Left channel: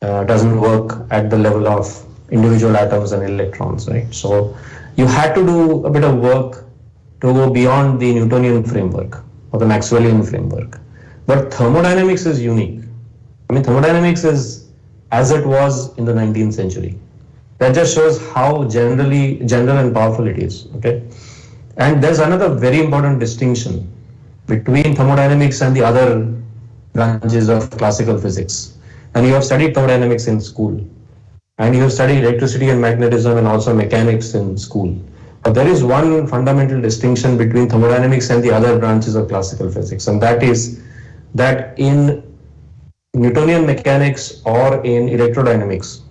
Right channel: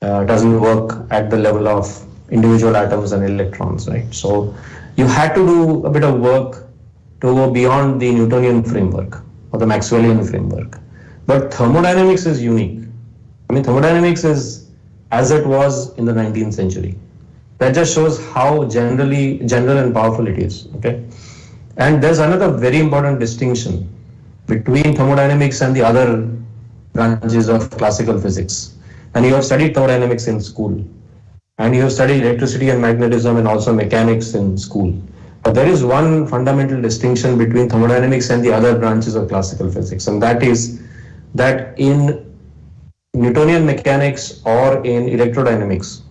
doesn't work at the level of individual atoms and electrons, right? So you had to do a bit of work to go beyond the Newtonian framework or the Maxwellian framework. But thermodynamics is unique. I mean, thermodynamics is as it was in the 19th century. That just shows how general and powerful it is. Okay, and there's another very important distinction between thermodynamics and the other branches of classical physics. And you have studied thermodynamics in school, and you have studied electricity and magnetism and also mechanics in school. But there is one fundamental distinction between thermodynamics and the other branches of classical physics, and that is that in Newtonian mechanics or in electrodynamics,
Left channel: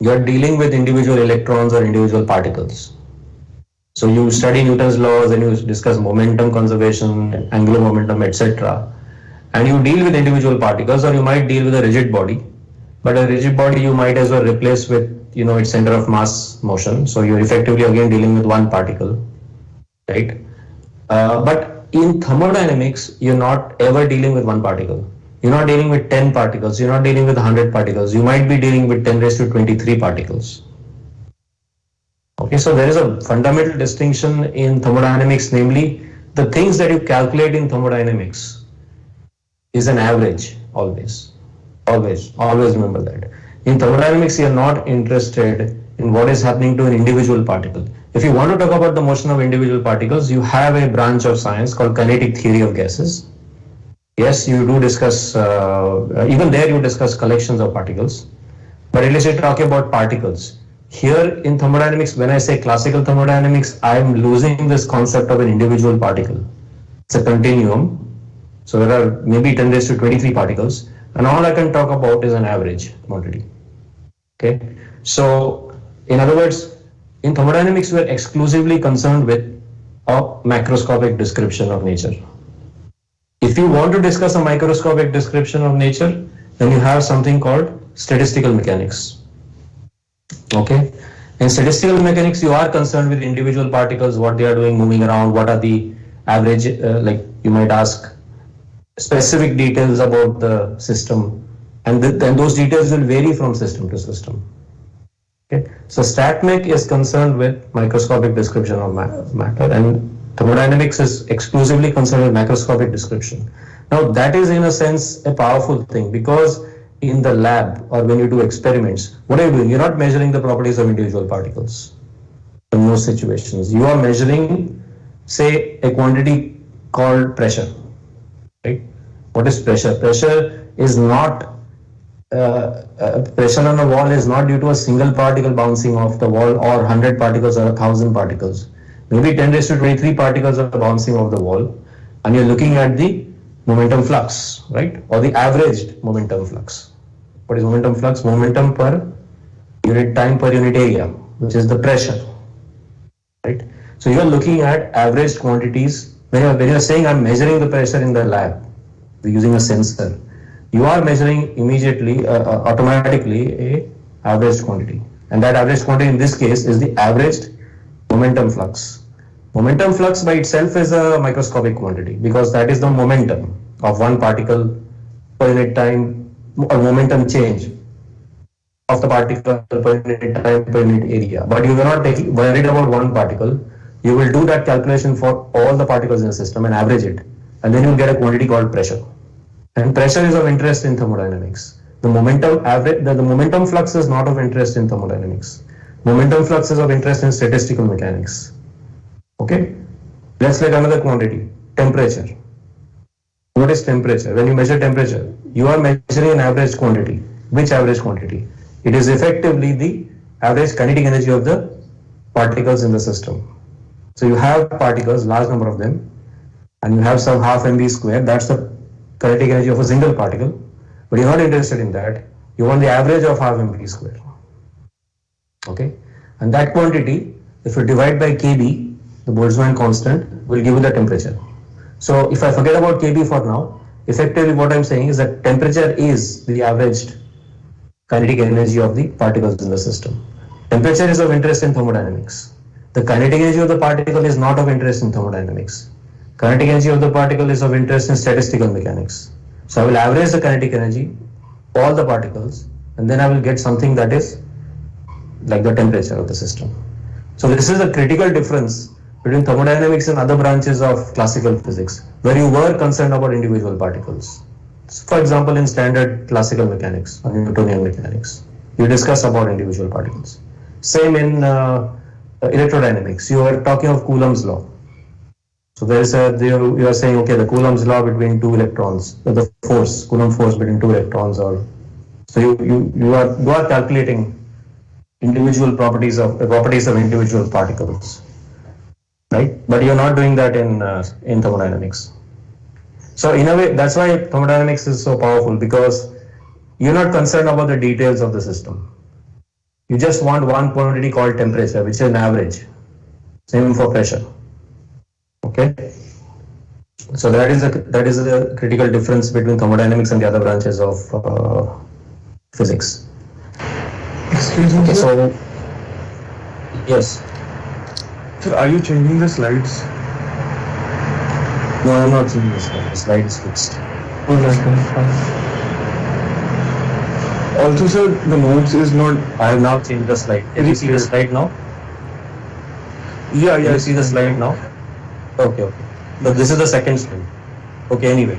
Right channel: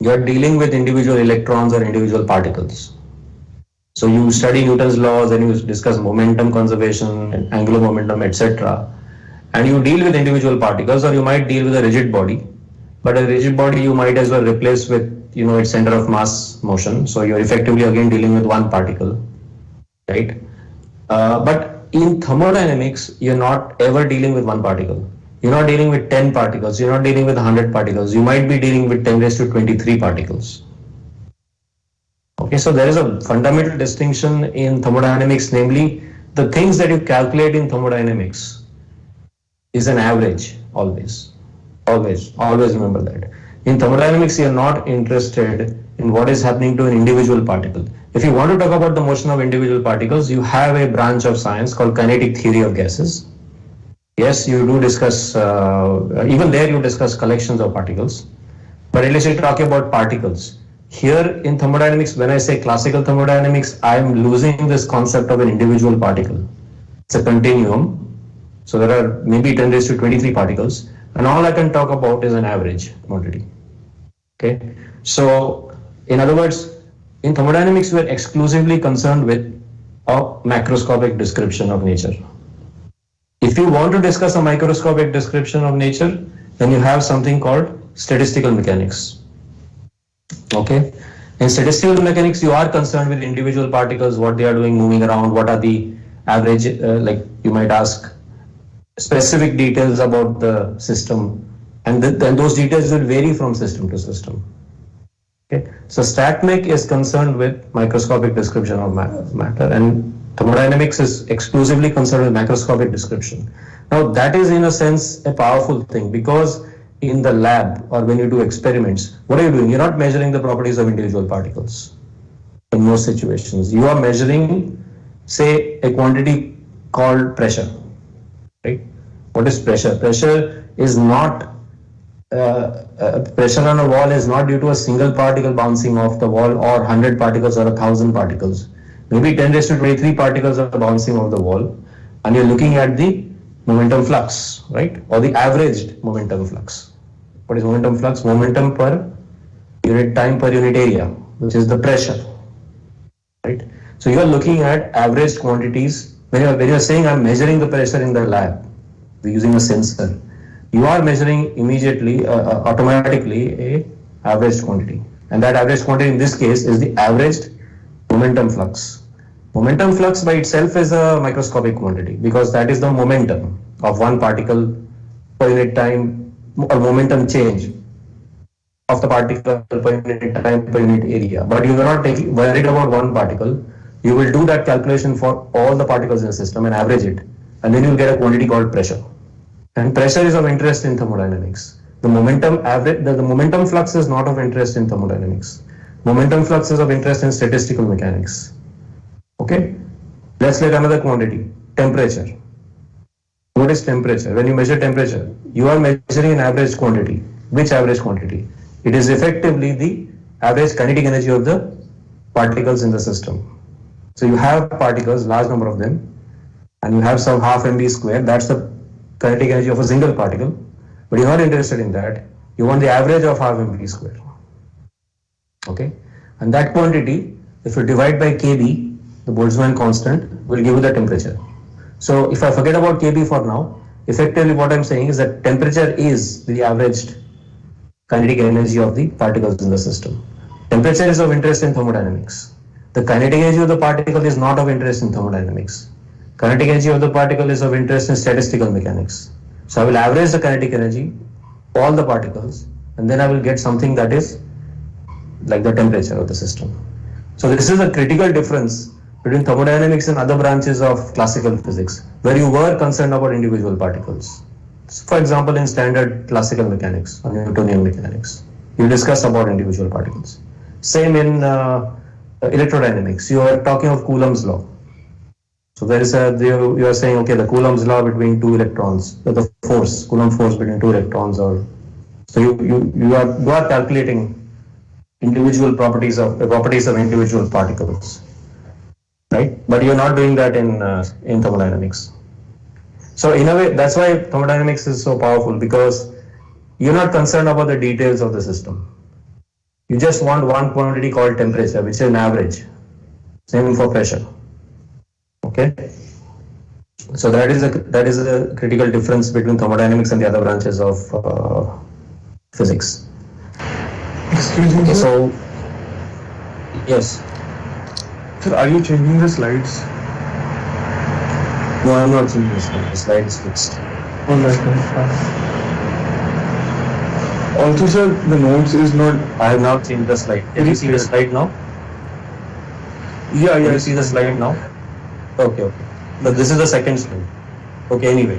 you are dealing with individual electrons or individual particles. So you study Newton's laws and you discuss momentum conservation and angular momentum, etc. And you deal with individual particles, or you might deal with a rigid body. But a rigid body you might as well replace with its center of mass motion. So you're effectively again dealing with one particle, right? But in thermodynamics, you're not ever dealing with one particle. You're not dealing with 10 particles. You're not dealing with 100 particles. You might be dealing with 10 raised to 23 particles. Okay, so there is a fundamental distinction in thermodynamics, namely the things that you calculate in thermodynamics is an average always. Always remember that. In thermodynamics, you are not interested in what is happening to an individual particle. If you want to talk about the motion of individual particles, you have a branch of science called kinetic theory of gases. Yes, you do discuss, even there you discuss collections of particles. But at least you're talking about particles. Here in thermodynamics, when I say classical thermodynamics, I'm losing this concept of an individual particle. It's a continuum. So there are maybe 10 raised to 23 particles. And all I can talk about is an average quantity. Okay. So in other words, in thermodynamics, we are exclusively concerned with a macroscopic description of nature. If you want to discuss a microscopic description of nature, then you have something called statistical mechanics. Okay. In statistical mechanics, you are concerned with individual particles, what they are doing, moving around, what are the average, like you might ask specific details about the system, and then those details will vary from system to system. Okay. So StatMech is concerned with microscopic description of matter, and thermodynamics is exclusively concerned with macroscopic description. Now that is in a sense a powerful thing, because in the lab or when you do experiments, what are you doing? You're not measuring the properties of individual particles. In most situations, you are measuring, say, a quantity called pressure. Right? What is pressure? Pressure is not pressure on a wall is not due to a single particle bouncing off the wall or 100 particles or 1,000 particles. Maybe 10 raised to 23 particles are bouncing off the wall, and you're looking at the momentum flux, right? Or the averaged momentum flux. What is momentum flux? Momentum per unit time per unit area, which is the pressure, right? So you are looking at averaged quantities. When you're saying I'm measuring the pressure in the lab, we're using a sensor, you are measuring immediately, automatically a averaged quantity. And that average quantity in this case is the averaged momentum flux. Momentum flux by itself is a microscopic quantity, because that is the momentum of one particle per unit time, or momentum change of the particle per unit time per unit area. But you are not worried about one particle. You will do that calculation for all the particles in the system and average it, and then you'll get a quantity called pressure. And pressure is of interest in thermodynamics. The momentum flux is not of interest in thermodynamics. Momentum flux is of interest in statistical mechanics. Okay, let's take another quantity, temperature. What is temperature? When you measure temperature, you are measuring an average quantity. Which average quantity? It is effectively the average kinetic energy of the particles in the system. So you have particles, large number of them, and you have some half mv square. That's the kinetic energy of a single particle. But you're not interested in that. You want the average of half mv square. Okay, and that quantity, if you divide by kb, the Boltzmann constant, will give you the temperature. So if I forget about kb for now, effectively what I'm saying is that temperature is the averaged kinetic energy of the particles in the system. Temperature is of interest in thermodynamics. The kinetic energy of the particle is not of interest in thermodynamics. Kinetic energy of the particle is of interest in statistical mechanics. So I will average the kinetic energy, all the particles, and then I will get something that is like the temperature of the system. So this is a critical difference between thermodynamics and other branches of classical physics, where you were concerned about individual particles. So for example, in standard classical mechanics or Newtonian mechanics, you discuss about individual particles. Same in electrodynamics, you are talking of Coulomb's law. So there is you are saying, okay, the Coulomb's law between two electrons, the force, Coulomb force between two electrons, or so you are calculating individual properties of individual particles, right? But you're not doing that in thermodynamics. So in a way, that's why thermodynamics is so powerful, because you're not concerned about the details of the system. You just want one quantity called temperature, which is an average. Same for pressure. Okay. So that is a critical difference between thermodynamics and the other branches of physics. Excuse me, Okay, sir. so yes. Sir, are you changing the slides? No, I'm not seeing this one. The slide is fixed. Oh, that's fine. Also, sir, the notes is not. I have now changed the slide. Can you see the slide now? Yeah, Can you yes. see the slide now? Okay. So this is the second slide. Okay, anyway.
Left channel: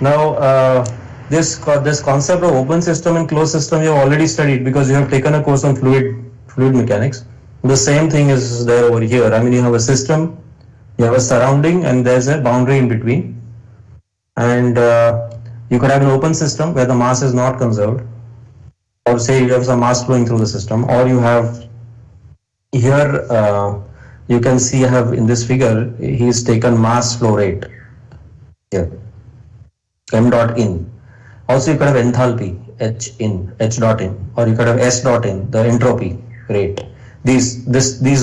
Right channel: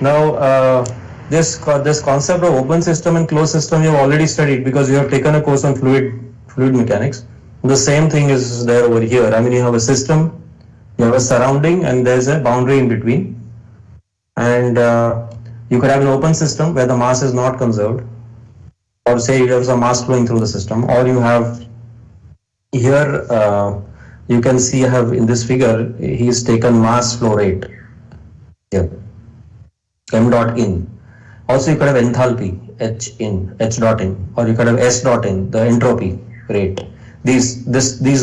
Now, this concept of open system and closed system you have already studied, because you have taken a course on fluid mechanics. The same thing is there over here. I mean, you have a system, you have a surrounding, and there's a boundary in between. And you could have an open system where the mass is not conserved, or say you have some mass flowing through the system, or you have here you can see I have in this figure he's taken mass flow rate here, m dot in. Also you could have enthalpy, h dot in, or you could have s dot in, the entropy rate. These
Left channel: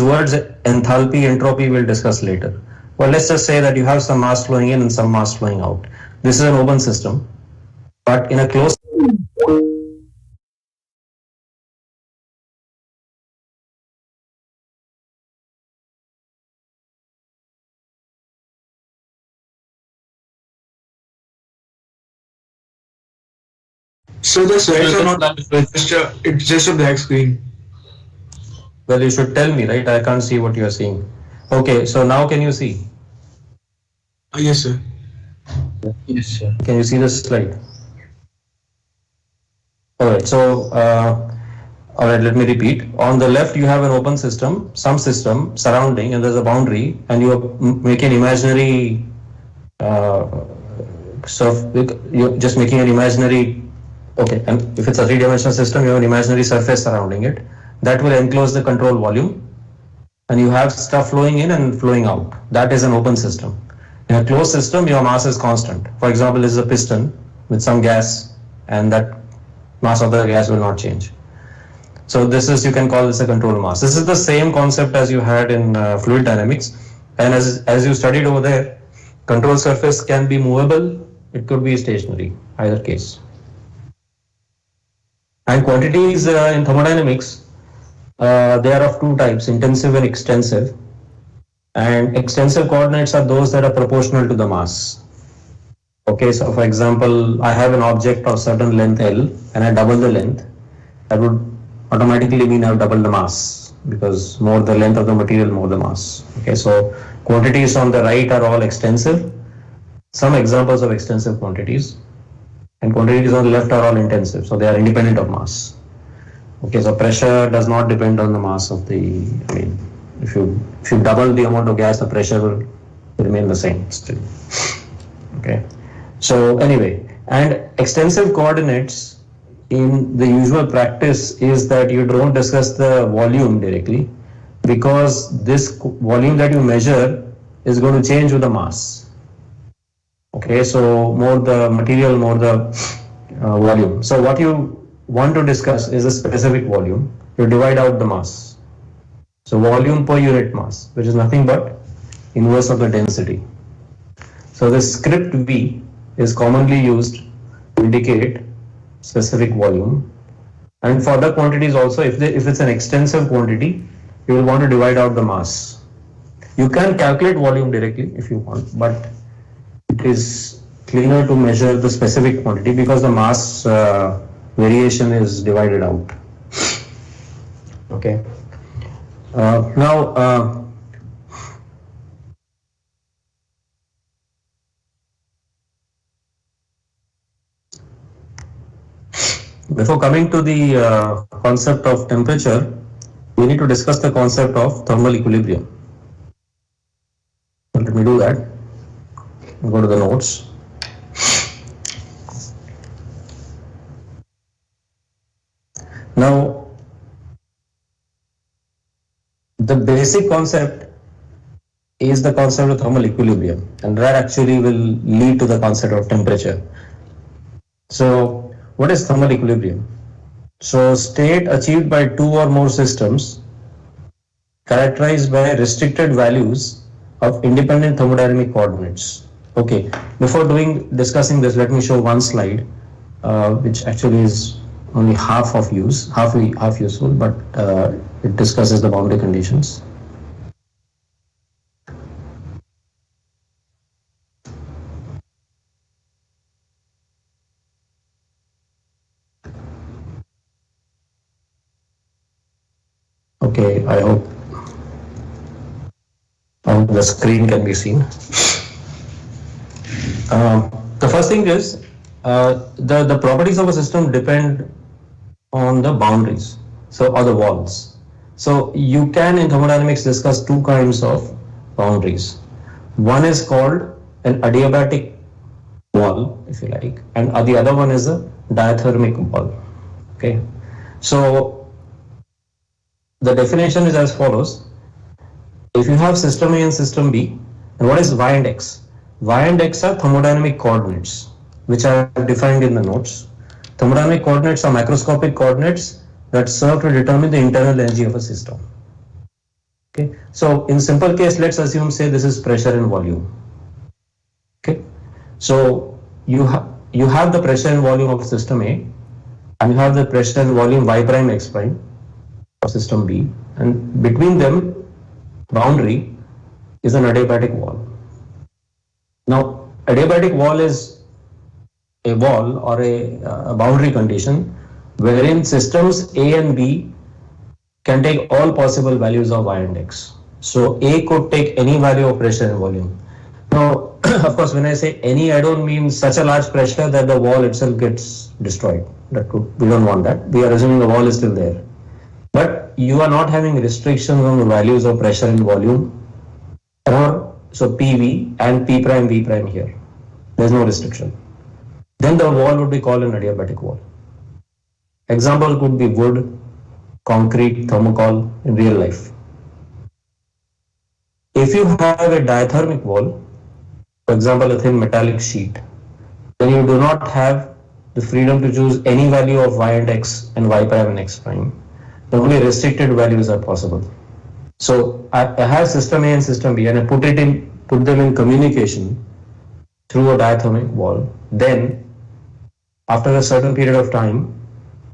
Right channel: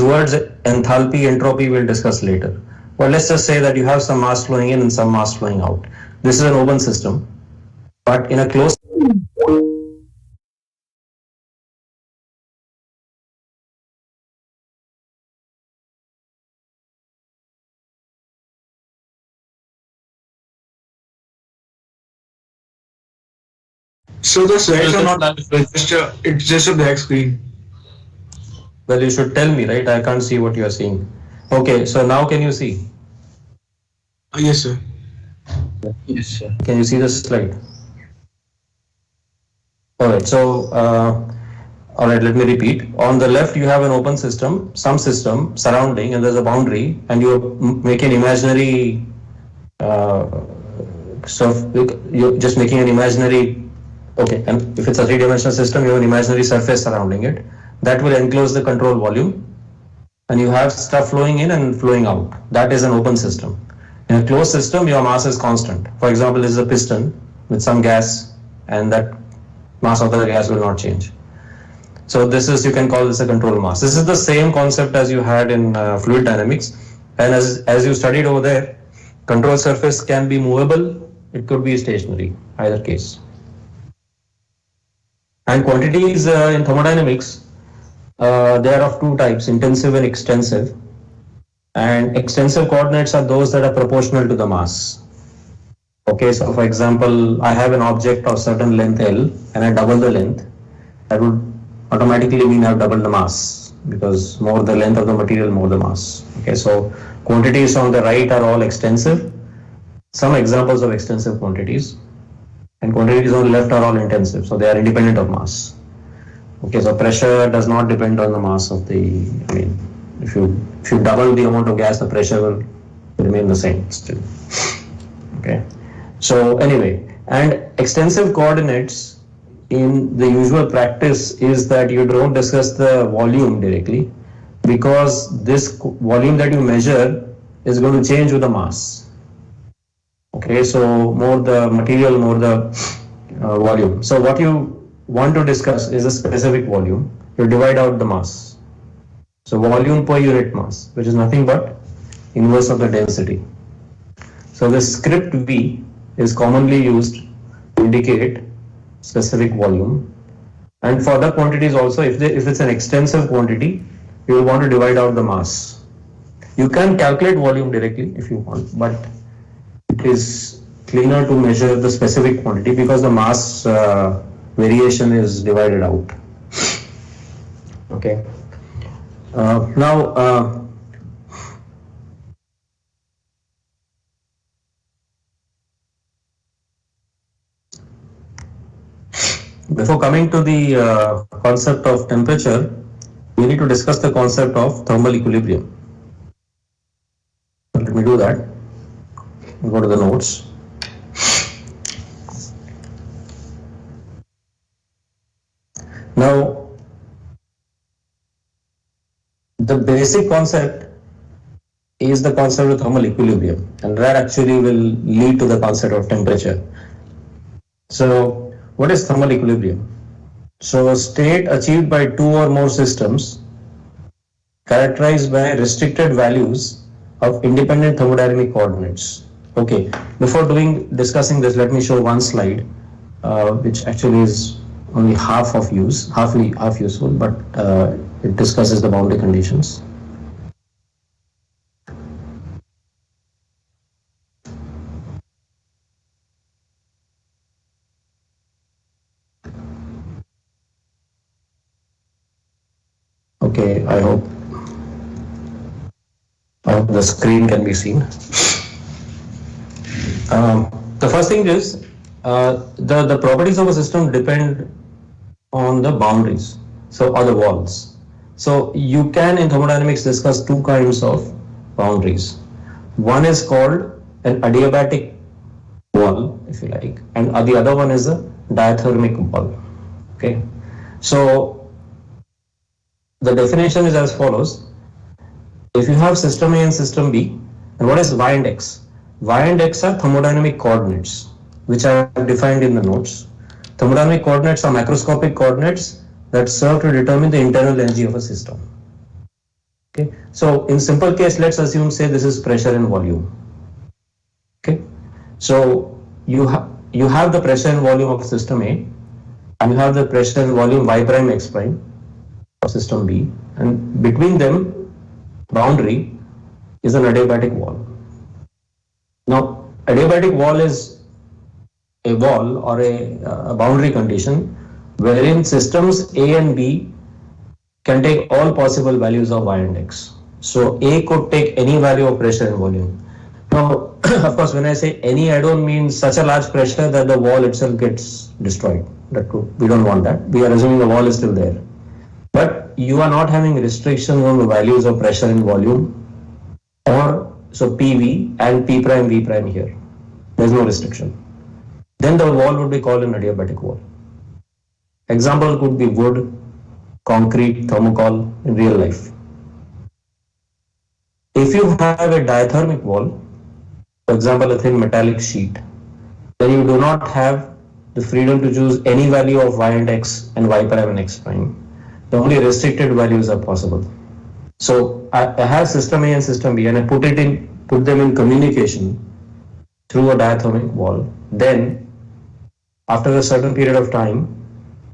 words enthalpy, entropy we'll discuss later. Well, let's just say that you have some mass flowing in and some mass flowing out. This is an open system, but in a closed So the slides are not it's just a black screen. well, you should tell me, right? I can't see what you are seeing. Okay, so now can you see? Yes, sir. Yes, sir. Can you see the slide? All right, so all right, let me repeat. On the left, you have an open system, some system surrounding, and there's a boundary, and you make an imaginary. So you're just making an imaginary. Okay, and if it's a three-dimensional system, you have an imaginary surface surrounding it that will enclose the control volume, and you have stuff flowing in and flowing out. That is an open system. In a closed system, your mass is constant. For example, this is a piston with some gas, and that mass of the gas will not change. So this is, you can call this a control mass. This is the same concept as you had in fluid dynamics, and as you studied over there, control surface can be movable, it could be stationary, either case. And quantities in thermodynamics, they are of two types, intensive and extensive. And extensive coordinates are those that are proportional to the mass. Okay, so for example, I have an object of certain length L and I double the length. That would automatically mean I've doubled the mass, because more the length of the material, more the mass. Okay, so quantities on the right are all extensive. Some examples of extensive quantities. And quantities on the left are all intensive, so they are independent of mass. Okay, so pressure does not depend on the mass of the, I mean, if you double the amount of gas, the pressure will remain the same still. Okay, so anyway, and extensive coordinates in the usual practice is that you don't discuss the volume directly, because this volume that you measure is going to change with the mass. Okay, so more the material, more the volume. So what you want to discuss is a specific volume. You divide out the mass. So volume per unit mass, which is nothing but inverse of the density. So the script V is commonly used to indicate specific volume. And for other quantities also, if it's an extensive quantity, you will want to divide out the mass. You can calculate volume directly if you want, but it is cleaner to measure the specific quantity, because the mass variation is divided out. Okay. Now, before coming to the concept of temperature, we need to discuss the concept of thermal equilibrium. So let me do that. Go to the notes. Now, the basic concept is the concept of thermal equilibrium, and that actually will lead to the concept of temperature. So, what is thermal equilibrium? So, state achieved by two or more systems characterized by restricted values of independent thermodynamic coordinates. Okay, before discussing this, let me show one slide, which actually is only half useful, but it discusses the boundary conditions. Okay, I hope the screen can be seen. The first thing is the properties of a system depend on the boundaries, or the walls. So you can in thermodynamics discuss two kinds of boundaries. One is called an adiabatic wall, if you like, and the other one is a diathermic wall. Okay, so the definition is as follows. If you have system A and system B, and what is y and x? Y and x are thermodynamic coordinates, which are defined in the notes. Thermodynamic coordinates are macroscopic coordinates that serve to determine the internal energy of a system. Okay, so in simple case, let's assume, say this is pressure and volume. Okay, so you have the pressure and volume of system A, and you have the pressure and volume y prime x prime of system B, and between them boundary is an adiabatic wall. Now, adiabatic wall is a wall or a boundary condition wherein systems A and B can take all possible values of y and x. So A could take any value of pressure and volume. Now, of course, when I say any, I don't mean such a large pressure that the wall itself gets destroyed. We don't want that. We are assuming the wall is still there. But you are not having restrictions on the values of pressure and volume, or so PV and P prime V prime here. There's no restriction. Then the wall would be called an adiabatic wall. Example could be wood, concrete, thermocol in real life. If you have a diathermic wall, for example a thin metallic sheet, then you do not have the freedom to choose any value of y and x and y prime and x prime. The only restricted values are possible. So I have system A and system B, and I put them in communication through a diathermic wall. Then, after a certain period of time,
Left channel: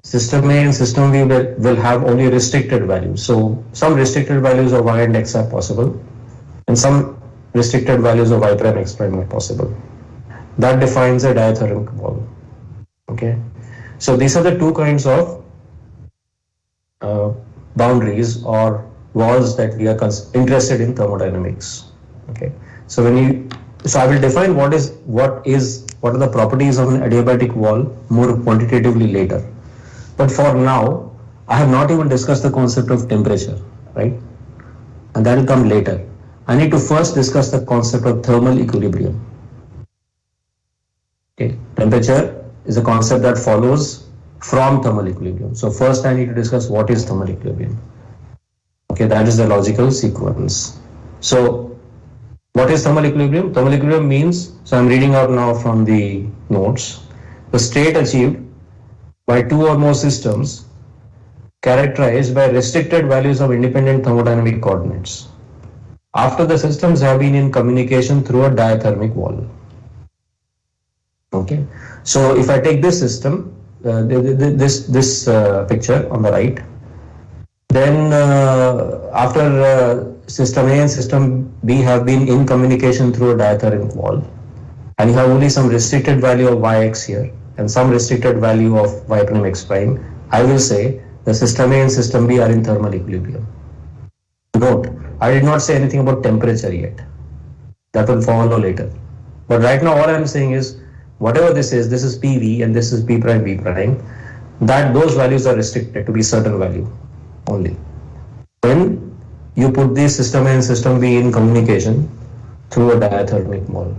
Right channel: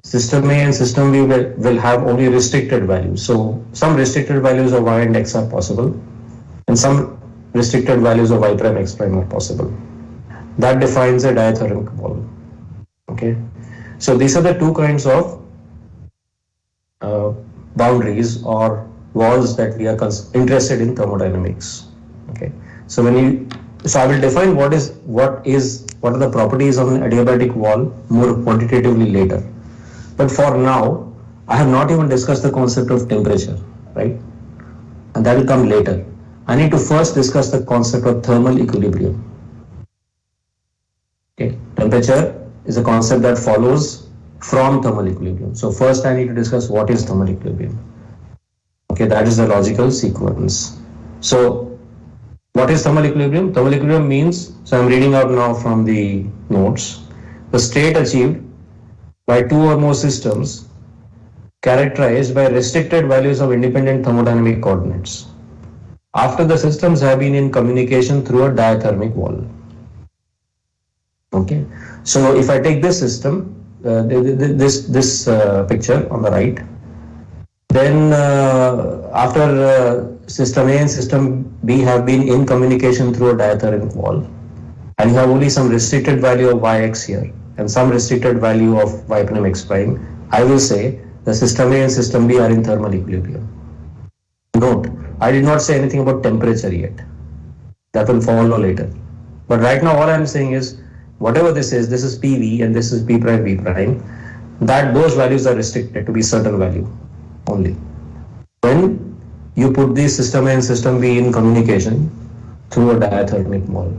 system A and system B will have only restricted values. So some restricted values of y and x are possible, and some restricted values of y prime x prime are possible. That defines a diathermic wall. Okay, so these are the two kinds of boundaries or walls that we are interested in thermodynamics. Okay, so I will define what are the properties of an adiabatic wall more quantitatively later. But for now, I have not even discussed the concept of temperature, right? And that will come later. I need to first discuss the concept of thermal equilibrium. Okay, temperature is a concept that follows from thermal equilibrium. So first I need to discuss what is thermal equilibrium. Okay, that is the logical sequence. So what is thermal equilibrium? Thermal equilibrium means, so I'm reading out now from the notes, the state achieved by two or more systems characterized by restricted values of independent thermodynamic coordinates after the systems have been in communication through a diathermic wall. Okay, so if I take this system, this picture on the right, then after system A and system B have been in communication through a diathermic wall, and you have only some restricted value of yx here and some restricted value of y prime x prime, I will say the system A and system B are in thermal equilibrium. Note, I did not say anything about temperature yet. That will follow later. But right now, all I'm saying is, whatever this is PV and this is P prime V prime, that those values are restricted to be certain value only. When you put the system A and system B in communication through a diathermic mole.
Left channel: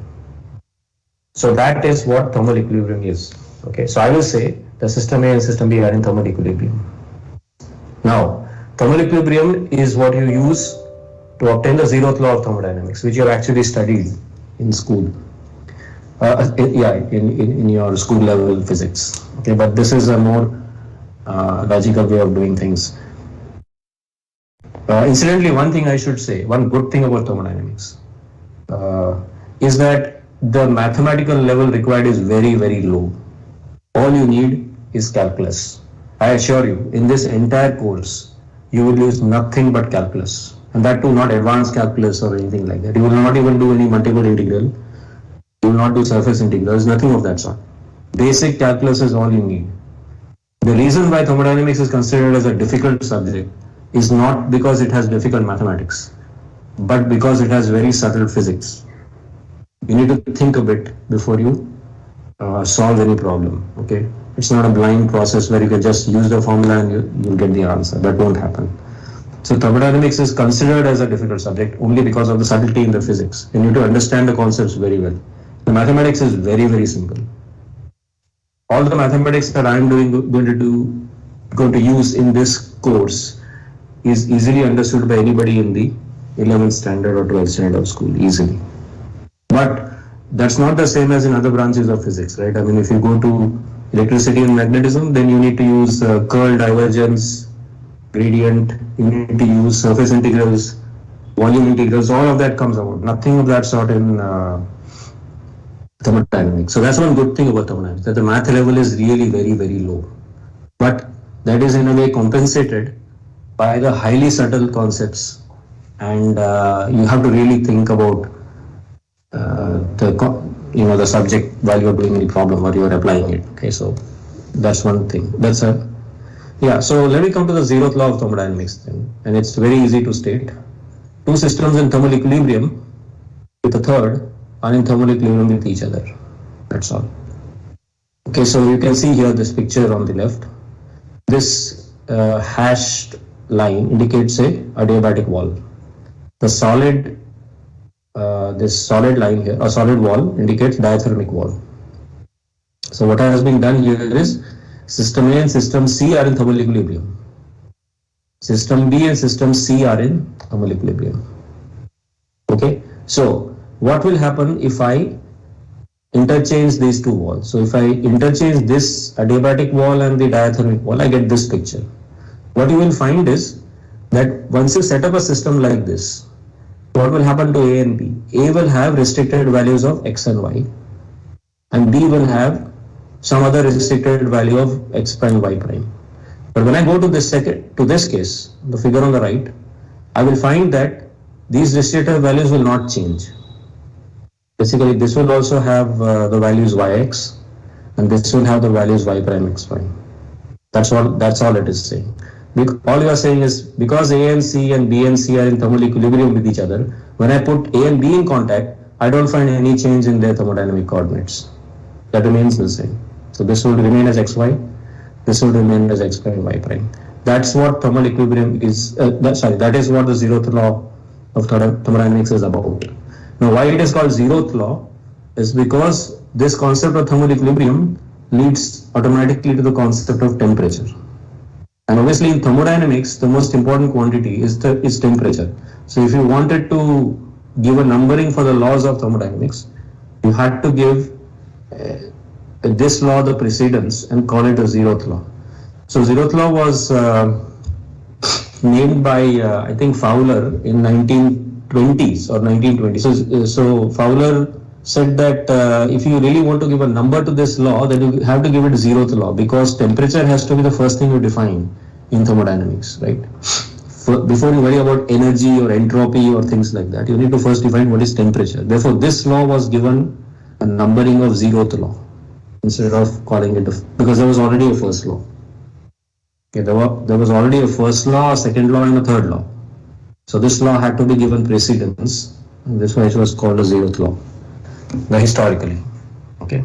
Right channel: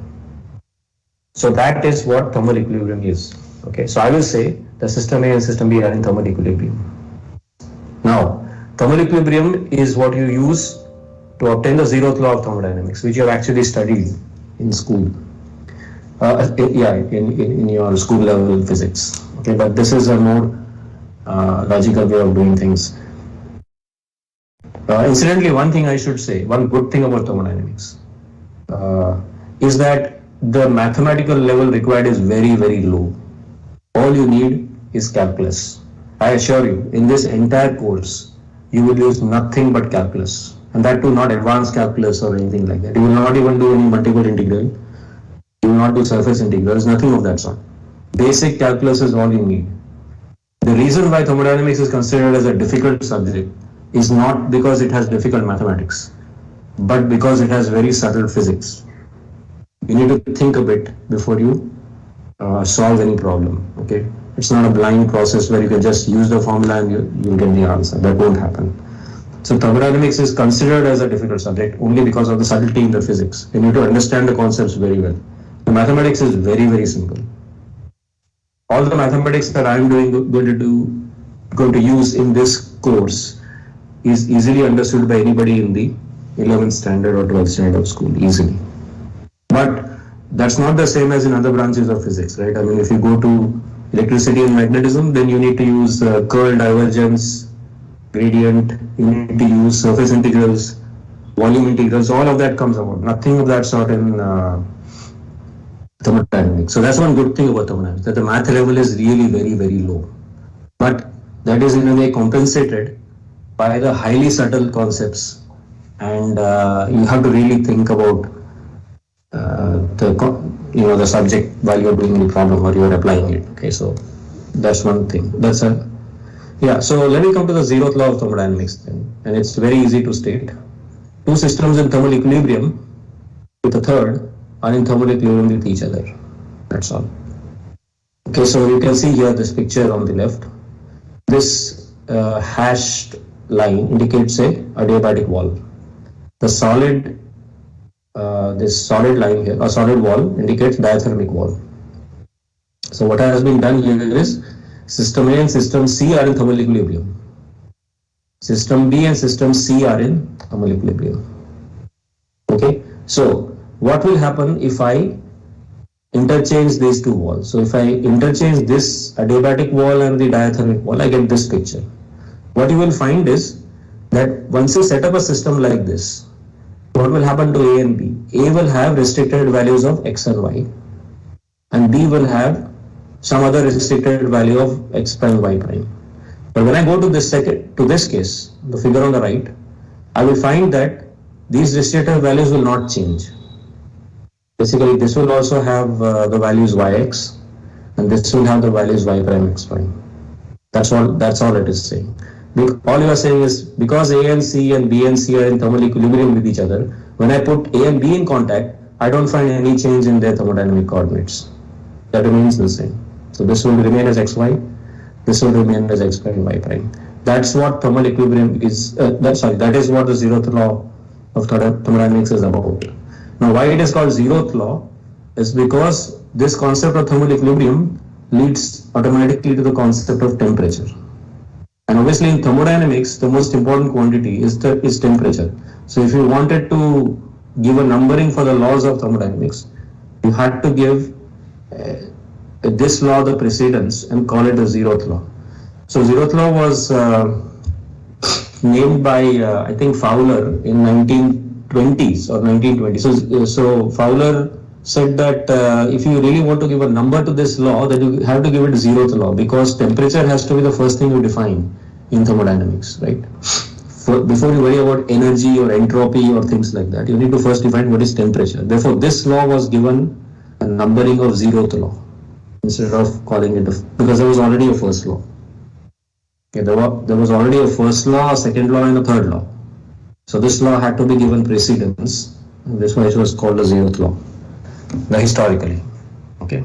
So that is what thermal equilibrium is. Okay, so I will say the system A and system B are in thermal equilibrium. Now, thermal equilibrium is what you use to obtain the zeroth law of thermodynamics, which you have actually studied in school. In your school level physics. Okay, but this is a more logical way of doing things. Incidentally, one thing I should say, one good thing about thermodynamics is that the mathematical level required is very, very low. All you need is calculus. I assure you, in this entire course, you will use nothing but calculus. And that too, not advanced calculus or anything like that. You will not even do any multiple integral. You will not do surface integrals, nothing of that sort. Basic calculus is all you need. The reason why thermodynamics is considered as a difficult subject is not because it has difficult mathematics, but because it has very subtle physics. You need to think a bit before you solve any problem, okay? It's not a blind process where you can just use the formula and you'll get the answer. That won't happen. So thermodynamics is considered as a difficult subject only because of the subtlety in the physics. You need to understand the concepts very well. The mathematics is very, very simple. All the mathematics that I'm going to use in this course is easily understood by anybody in the 11th standard or 12th standard of school, easily. But that's not the same as in other branches of physics, right? I mean, if you go to electricity and magnetism, then you need to use curl, divergence, gradient, you need to use surface integrals, volume integrals, all of that comes about. Nothing of that sort in thermodynamics. So that's one good thing about thermodynamics, that the math level is really very, very low. But that is in a way compensated by the highly subtle concepts, and you have to really think about the subject while you're doing any problem or you're applying it. Okay, so that's one thing. So let me come to the zeroth law of thermodynamics then, and it's very easy to state. Two systems in thermal equilibrium with a third are in thermal equilibrium with each other. That's all. Okay, so you can see here this picture on the left. This hashed line indicates a adiabatic wall. The solid, this solid line here, a solid wall indicates diathermic wall. So what has been done here is system A and system C are in thermal equilibrium. System B and system C are in thermal equilibrium. Okay, so what will happen if I interchange these two walls? So if I interchange this adiabatic wall and the diathermic wall, I get this picture. What you will find is that once you set up a system like this, what will happen to A and B? A will have restricted values of X and Y, and B will have some other restricted value of X prime, Y prime. But when I go to this case, the figure on the right, I will find that these restricted values will not change. Basically, this will also have the values Yx, and this will have the values Y prime, X prime. That's all it is saying. All you are saying is, because A and C and B and C are in thermal equilibrium with each other, when I put A and B in contact, I don't find any change in their thermodynamic coordinates. That remains the same. So this will remain as xy, this will remain as x prime, y prime. That's what thermal equilibrium is. That is what the zeroth law of thermodynamics is about. Now, why it is called zeroth law is because this concept of thermal equilibrium leads automatically to the concept of temperature. And obviously in thermodynamics, the most important quantity is temperature. So if you wanted to give a numbering for the laws of thermodynamics, you had to give this law the precedence and call it a zeroth law. So zeroth law was named by I think Fowler in 1920s or 1920s. So Fowler said that if you really want to give a number to this law, then you have to give it zeroth law, because temperature has to be the first thing you define in thermodynamics, right? Before you worry about energy or entropy or things like that, you need to first define what is temperature. Therefore, this law was given a numbering of zeroth law. instead of calling it because there was already a first law. Okay, there was already a first law, a second law, and a third law. So this law had to be given precedence. That's why it was called a zeroth law, historically. Okay.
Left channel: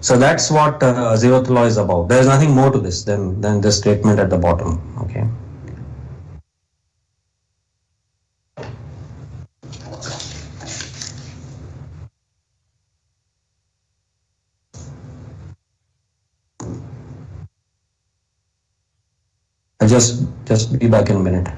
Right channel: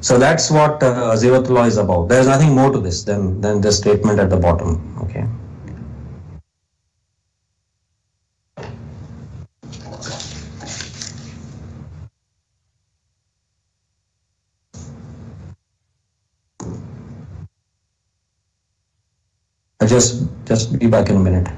So that's what zeroth law is about. There is nothing more to this than this statement at the bottom. Okay. I just be back in a minute.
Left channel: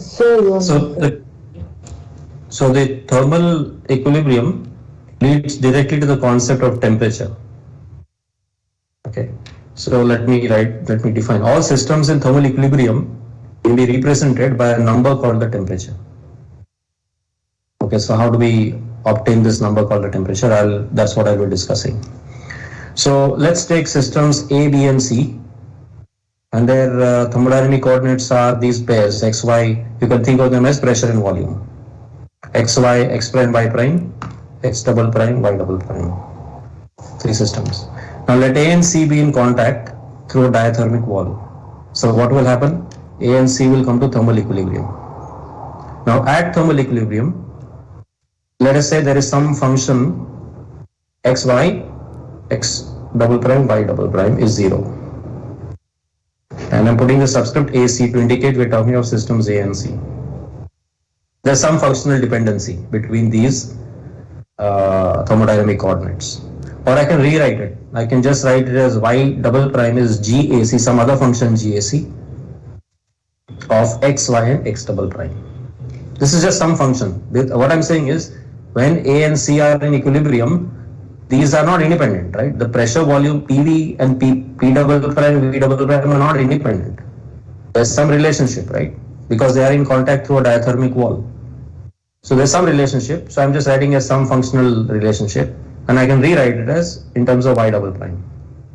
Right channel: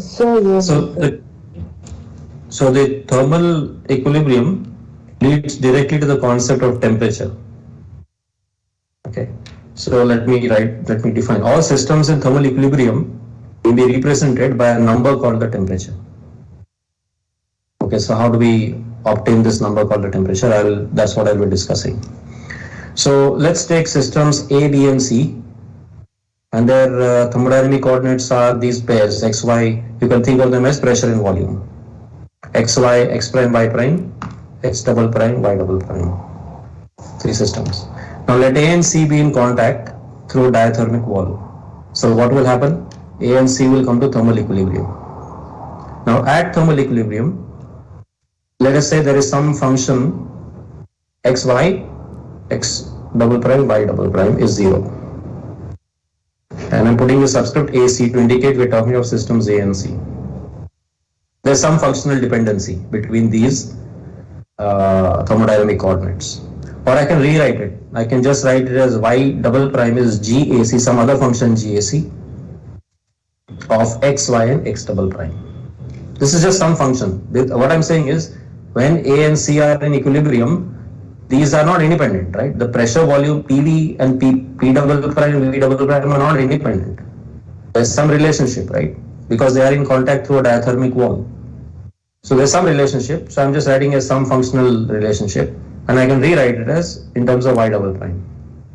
So, So the thermal equilibrium leads directly to the concept of temperature. Okay. So let me define. All systems in thermal equilibrium can be represented by a number called the temperature. Okay, so how do we obtain this number called the temperature? That's what I'll be discussing. So let's take systems A, B, and C, and their thermodynamic coordinates are these pairs x, y. You can think of them as pressure and volume. X, y, x prime, y prime, x double prime, y double prime. Three systems. Now let A and C be in contact through a diathermic wall. So what will happen? A and C will come to thermal equilibrium. Now at thermal equilibrium, let us say there is some function x, y, x double prime, y double prime is 0. And I'm putting the subscript AC to indicate we're talking of systems A and C. There's some functional dependency between these thermodynamic coordinates. Or I can rewrite it. I can just write it as y double prime is GAC, some other function GAC of x, y, and x double prime. This is just some function. What I'm saying is when A and C are in equilibrium, these are not independent, right? The pressure, volume, PV and P double prime, V double prime are not independent. There's some relationship, right? Because they are in contact through a diathermic wall. So there's some relationship. So I'm just writing as some functional relationship, and I can rewrite it as in terms of y double prime.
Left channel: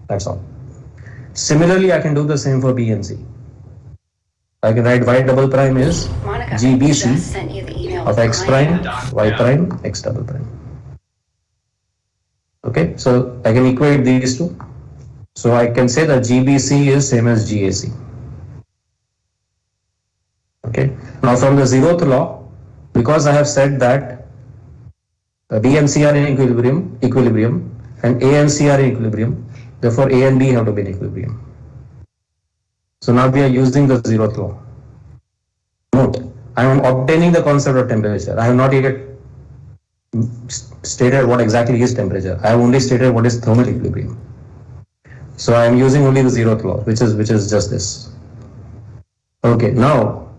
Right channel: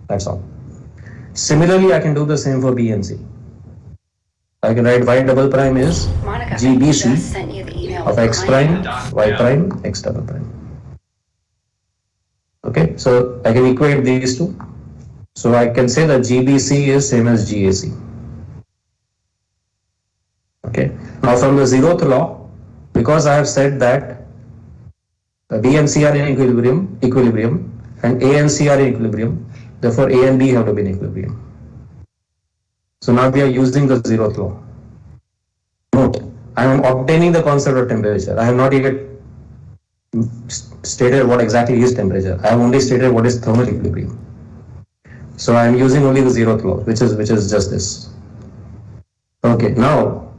That's all. Similarly, I can do the same for B and C. I can write y double prime is GBC of x prime, y prime, x double prime. Okay, so I can equate these two. So I can say that GBC is same as GAC. Okay, now from the zeroth law, because I have said that B and C are in equilibrium, and A and C are in equilibrium. Therefore, A and B have to be in equilibrium. So now we are using the zeroth law. Note, I am obtaining the concept of temperature. I have not yet stated what exactly is temperature. I have only stated what is thermal equilibrium. So I am using only the zeroth law, which is just this. Okay, now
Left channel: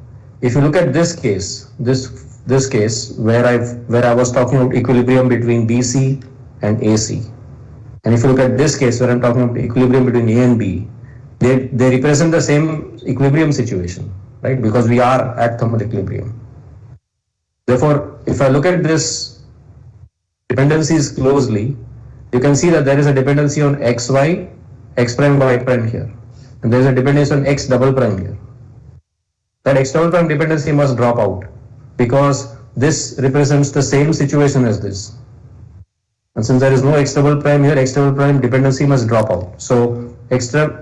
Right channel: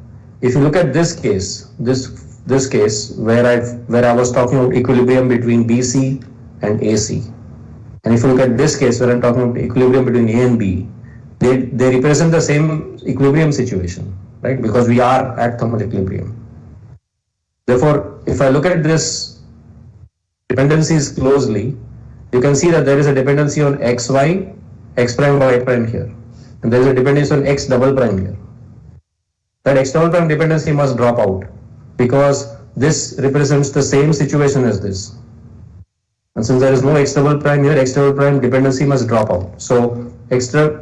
if you look at this case, this case where I was talking about equilibrium between BC and AC, and if you look at this case where I'm talking about equilibrium between A and B, they represent the same equilibrium situation, right? Because we are at thermal equilibrium. Therefore, if I look at this dependencies closely, you can see that there is a dependency on xy, x prime, y prime here, and there is a dependency on x double prime here. That x double prime dependency must drop out because this represents the same situation as this. And since there is no x double prime here, x double prime dependency must drop out. So extra.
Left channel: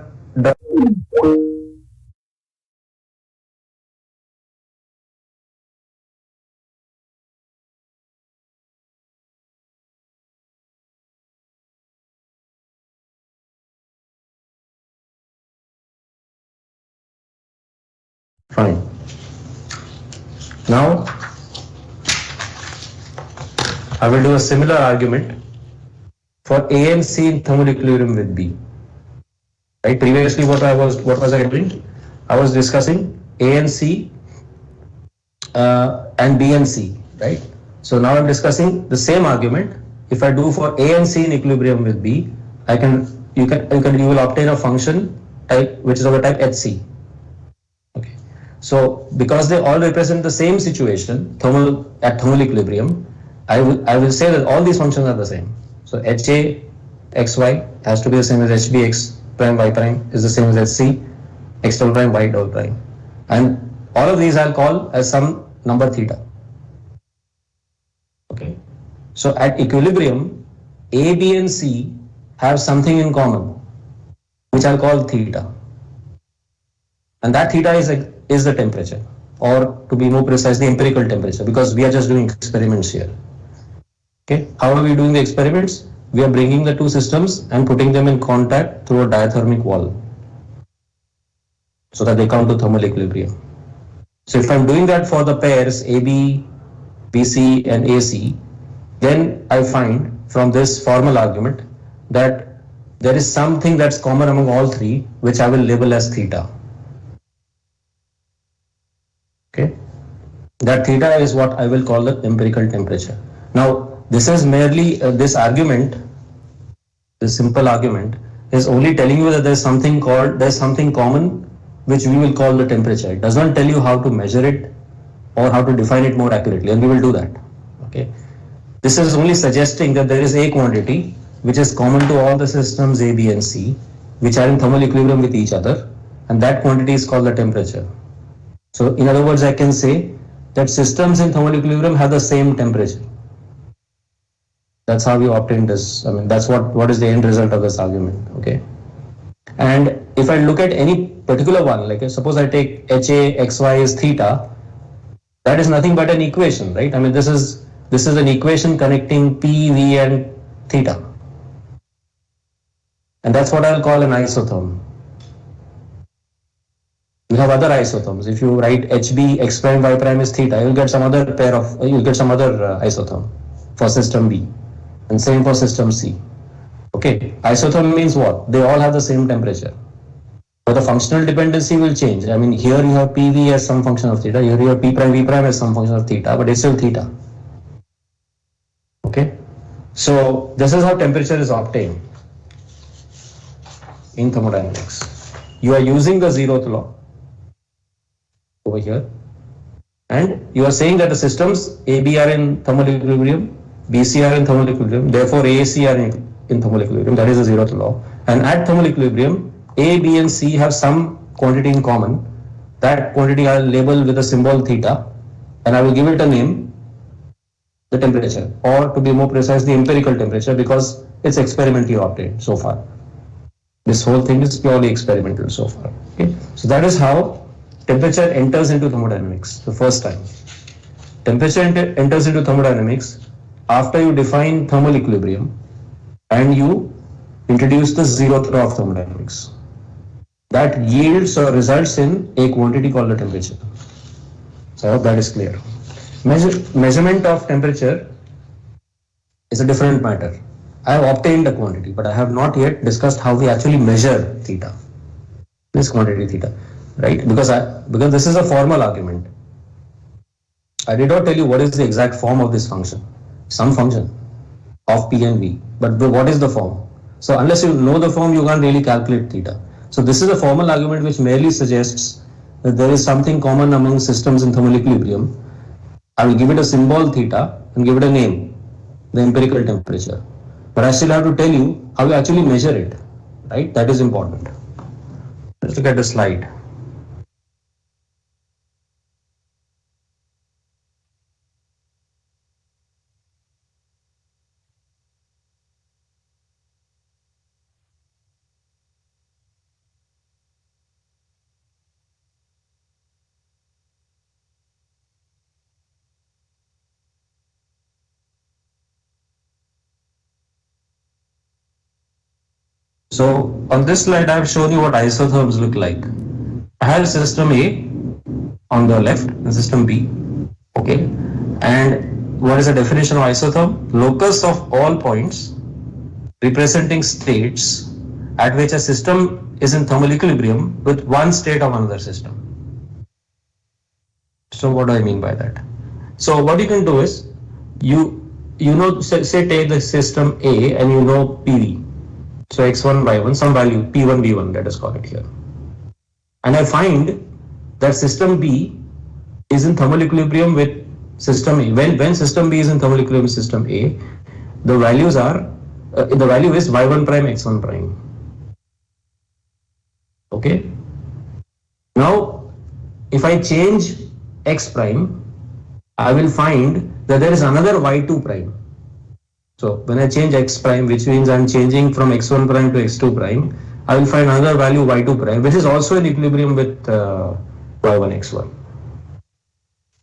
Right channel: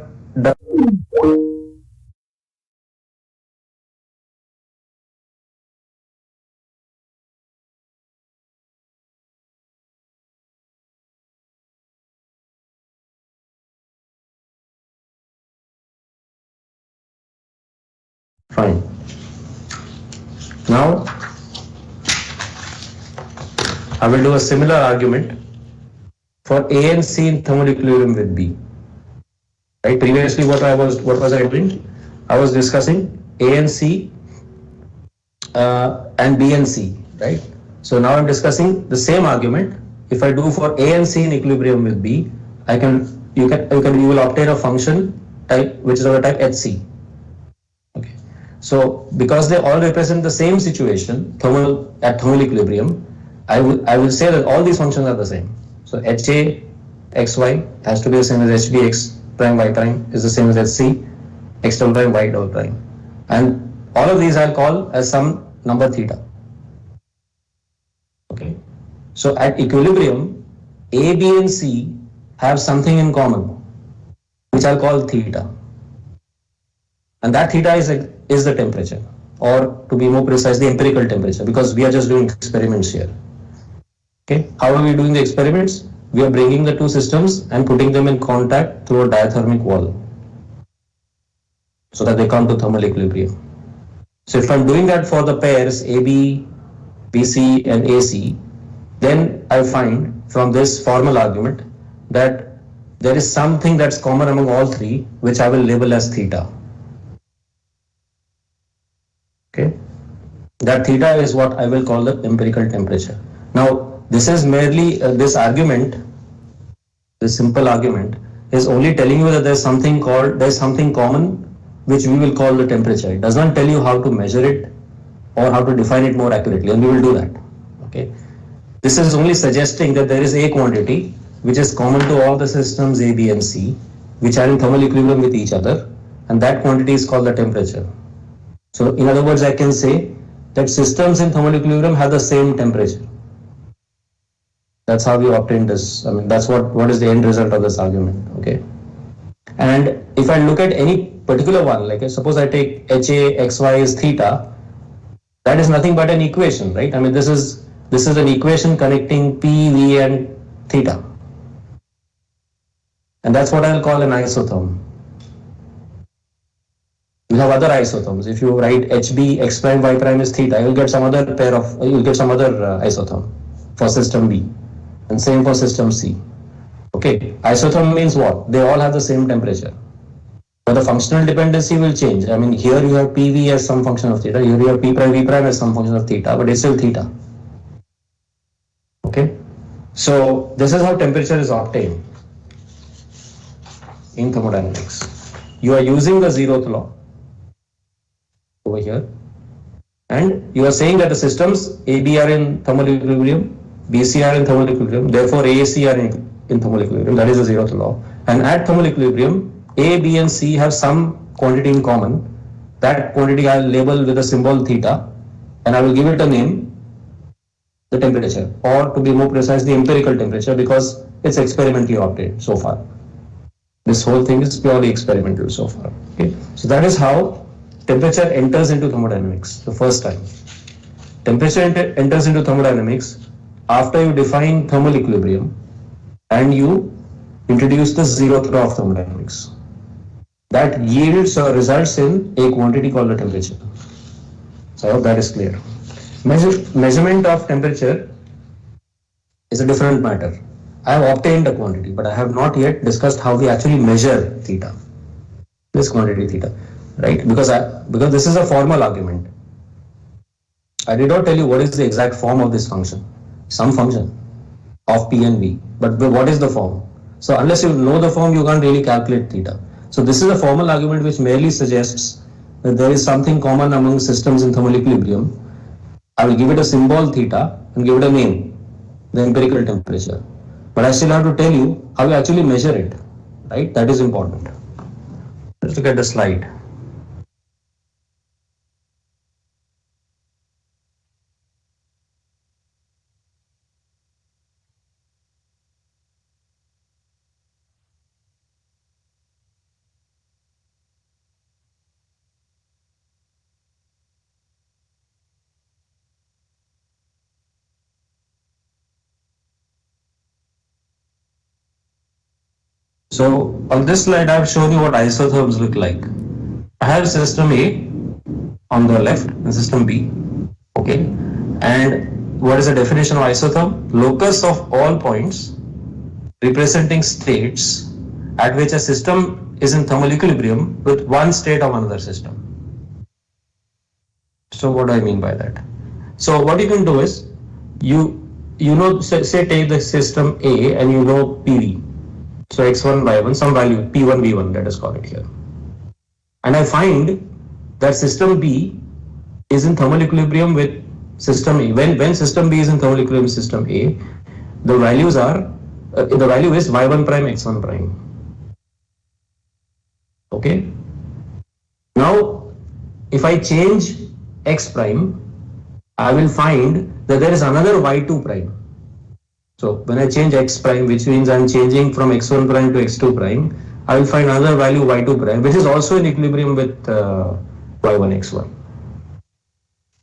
Fine. Now I will do a similar argument for A and C in thermal equilibrium with B. Right? Previously, what was I doing? I was discussing A and C and B and C, right? So now I'm discussing the same argument. If I do for A and C in equilibrium with B, you will obtain a function type which is of the type HC. Okay. So because they all represent the same situation, at thermal equilibrium, I will say that all these functions are the same. So HA xy has to be the same as HB x prime y prime is the same as HC x double prime y double prime, and all of these I'll call as some number theta. Okay. So at equilibrium, A, B, and C have something in common, which I'll call theta, and that theta is the temperature, or to be more precise, the empirical temperature, because we are just doing experiments here. Okay, how are we doing the experiments? We are bringing the two systems and putting them in contact through a diathermic wall so that they come to thermal equilibrium. So if I'm doing that for the pairs AB, BC, and AC, then I find from this formal argument that there is something that's common among all three, which I will label as theta. Okay, that theta is what I will call the empirical temperature. Now, this is merely this argument, this simple argument is only telling you that there's something common which we will call the temperature. It does not tell you how to measure it or how to define it more accurately, and we will do that. Okay, this is only suggesting that there is a quantity which is common to all the systems A, B, and C, which are in thermal equilibrium with each other, and that quantity is called the temperature. So in other words, I can say that systems in thermal equilibrium have the same temperature. That's how we obtain this. I mean, that's what is the end result of this argument. Okay. And if I look at any particular one, like suppose I take HA xy is theta, that is nothing but an equation, right? I mean, this is an equation connecting P, V, and theta. And that's what I'll call an isotherm. You have other isotherms. If you write HB x prime y prime is theta, you'll get some other isotherm for system B, and same for system C. Okay, isotherm means what? They all have the same temperature, but the functional dependency will change. I mean, here you have PV as some function of theta, here you have P prime V prime as some function of theta, but it's still theta. Okay, so this is how temperature is obtained in thermodynamics. You are using the zeroth law over here, and you are saying that the systems AB are in thermal equilibrium, BC are in thermal equilibrium, therefore AAC are in thermal equilibrium. That is the zeroth law. And at thermal equilibrium, A, B, and C have some quantity in common. That quantity I'll label with a symbol theta, and I will give it a name, the temperature, or to be more precise, the empirical temperature, because it's experimentally obtained so far. This whole thing is purely experimental so far. Okay, so that is how temperature enters into thermodynamics the first time. Temperature enters into thermodynamics after you define thermal equilibrium and you introduce the zeroth law of thermodynamics. That yields or results in a quantity called the temperature. So I hope that is clear. Measurement of temperature is a different matter. I have obtained a quantity, but I have not yet discussed how we actually measure theta. This quantity theta, right? Because this is a formal argument. I did not tell you what is the exact form of this function. Some function of P and V, but what is the form? So unless you know the form, you can't really calculate theta. So this is a formal argument which merely suggests that there is something common among systems in thermal equilibrium. I will give it a symbol theta and give it a name, the empirical temperature. But I still have to tell you how you actually measure it, right? That is important. Let's look at the slide. So on this slide, I have shown you what isotherms look like. I have system A on the left and system B. Okay. And what is the definition of isotherm? Locus of all points representing states at which a system is in thermal equilibrium with one state of another system. So what do I mean by that? So what you can do is you know, say take the system A and you know PV. So x1, y1, some value p1, v1, let us call it here. And I find that system B is in thermal equilibrium with system A. When system B is in thermal equilibrium with system A, the values are, the value is y1 prime, x1 prime. Okay. Now, if I change x prime, I will find that there is another y2 prime. So when I change x prime, which means I'm changing from x1 prime to x2 prime, I will find another value y2 prime, which is also in equilibrium with y1, x1.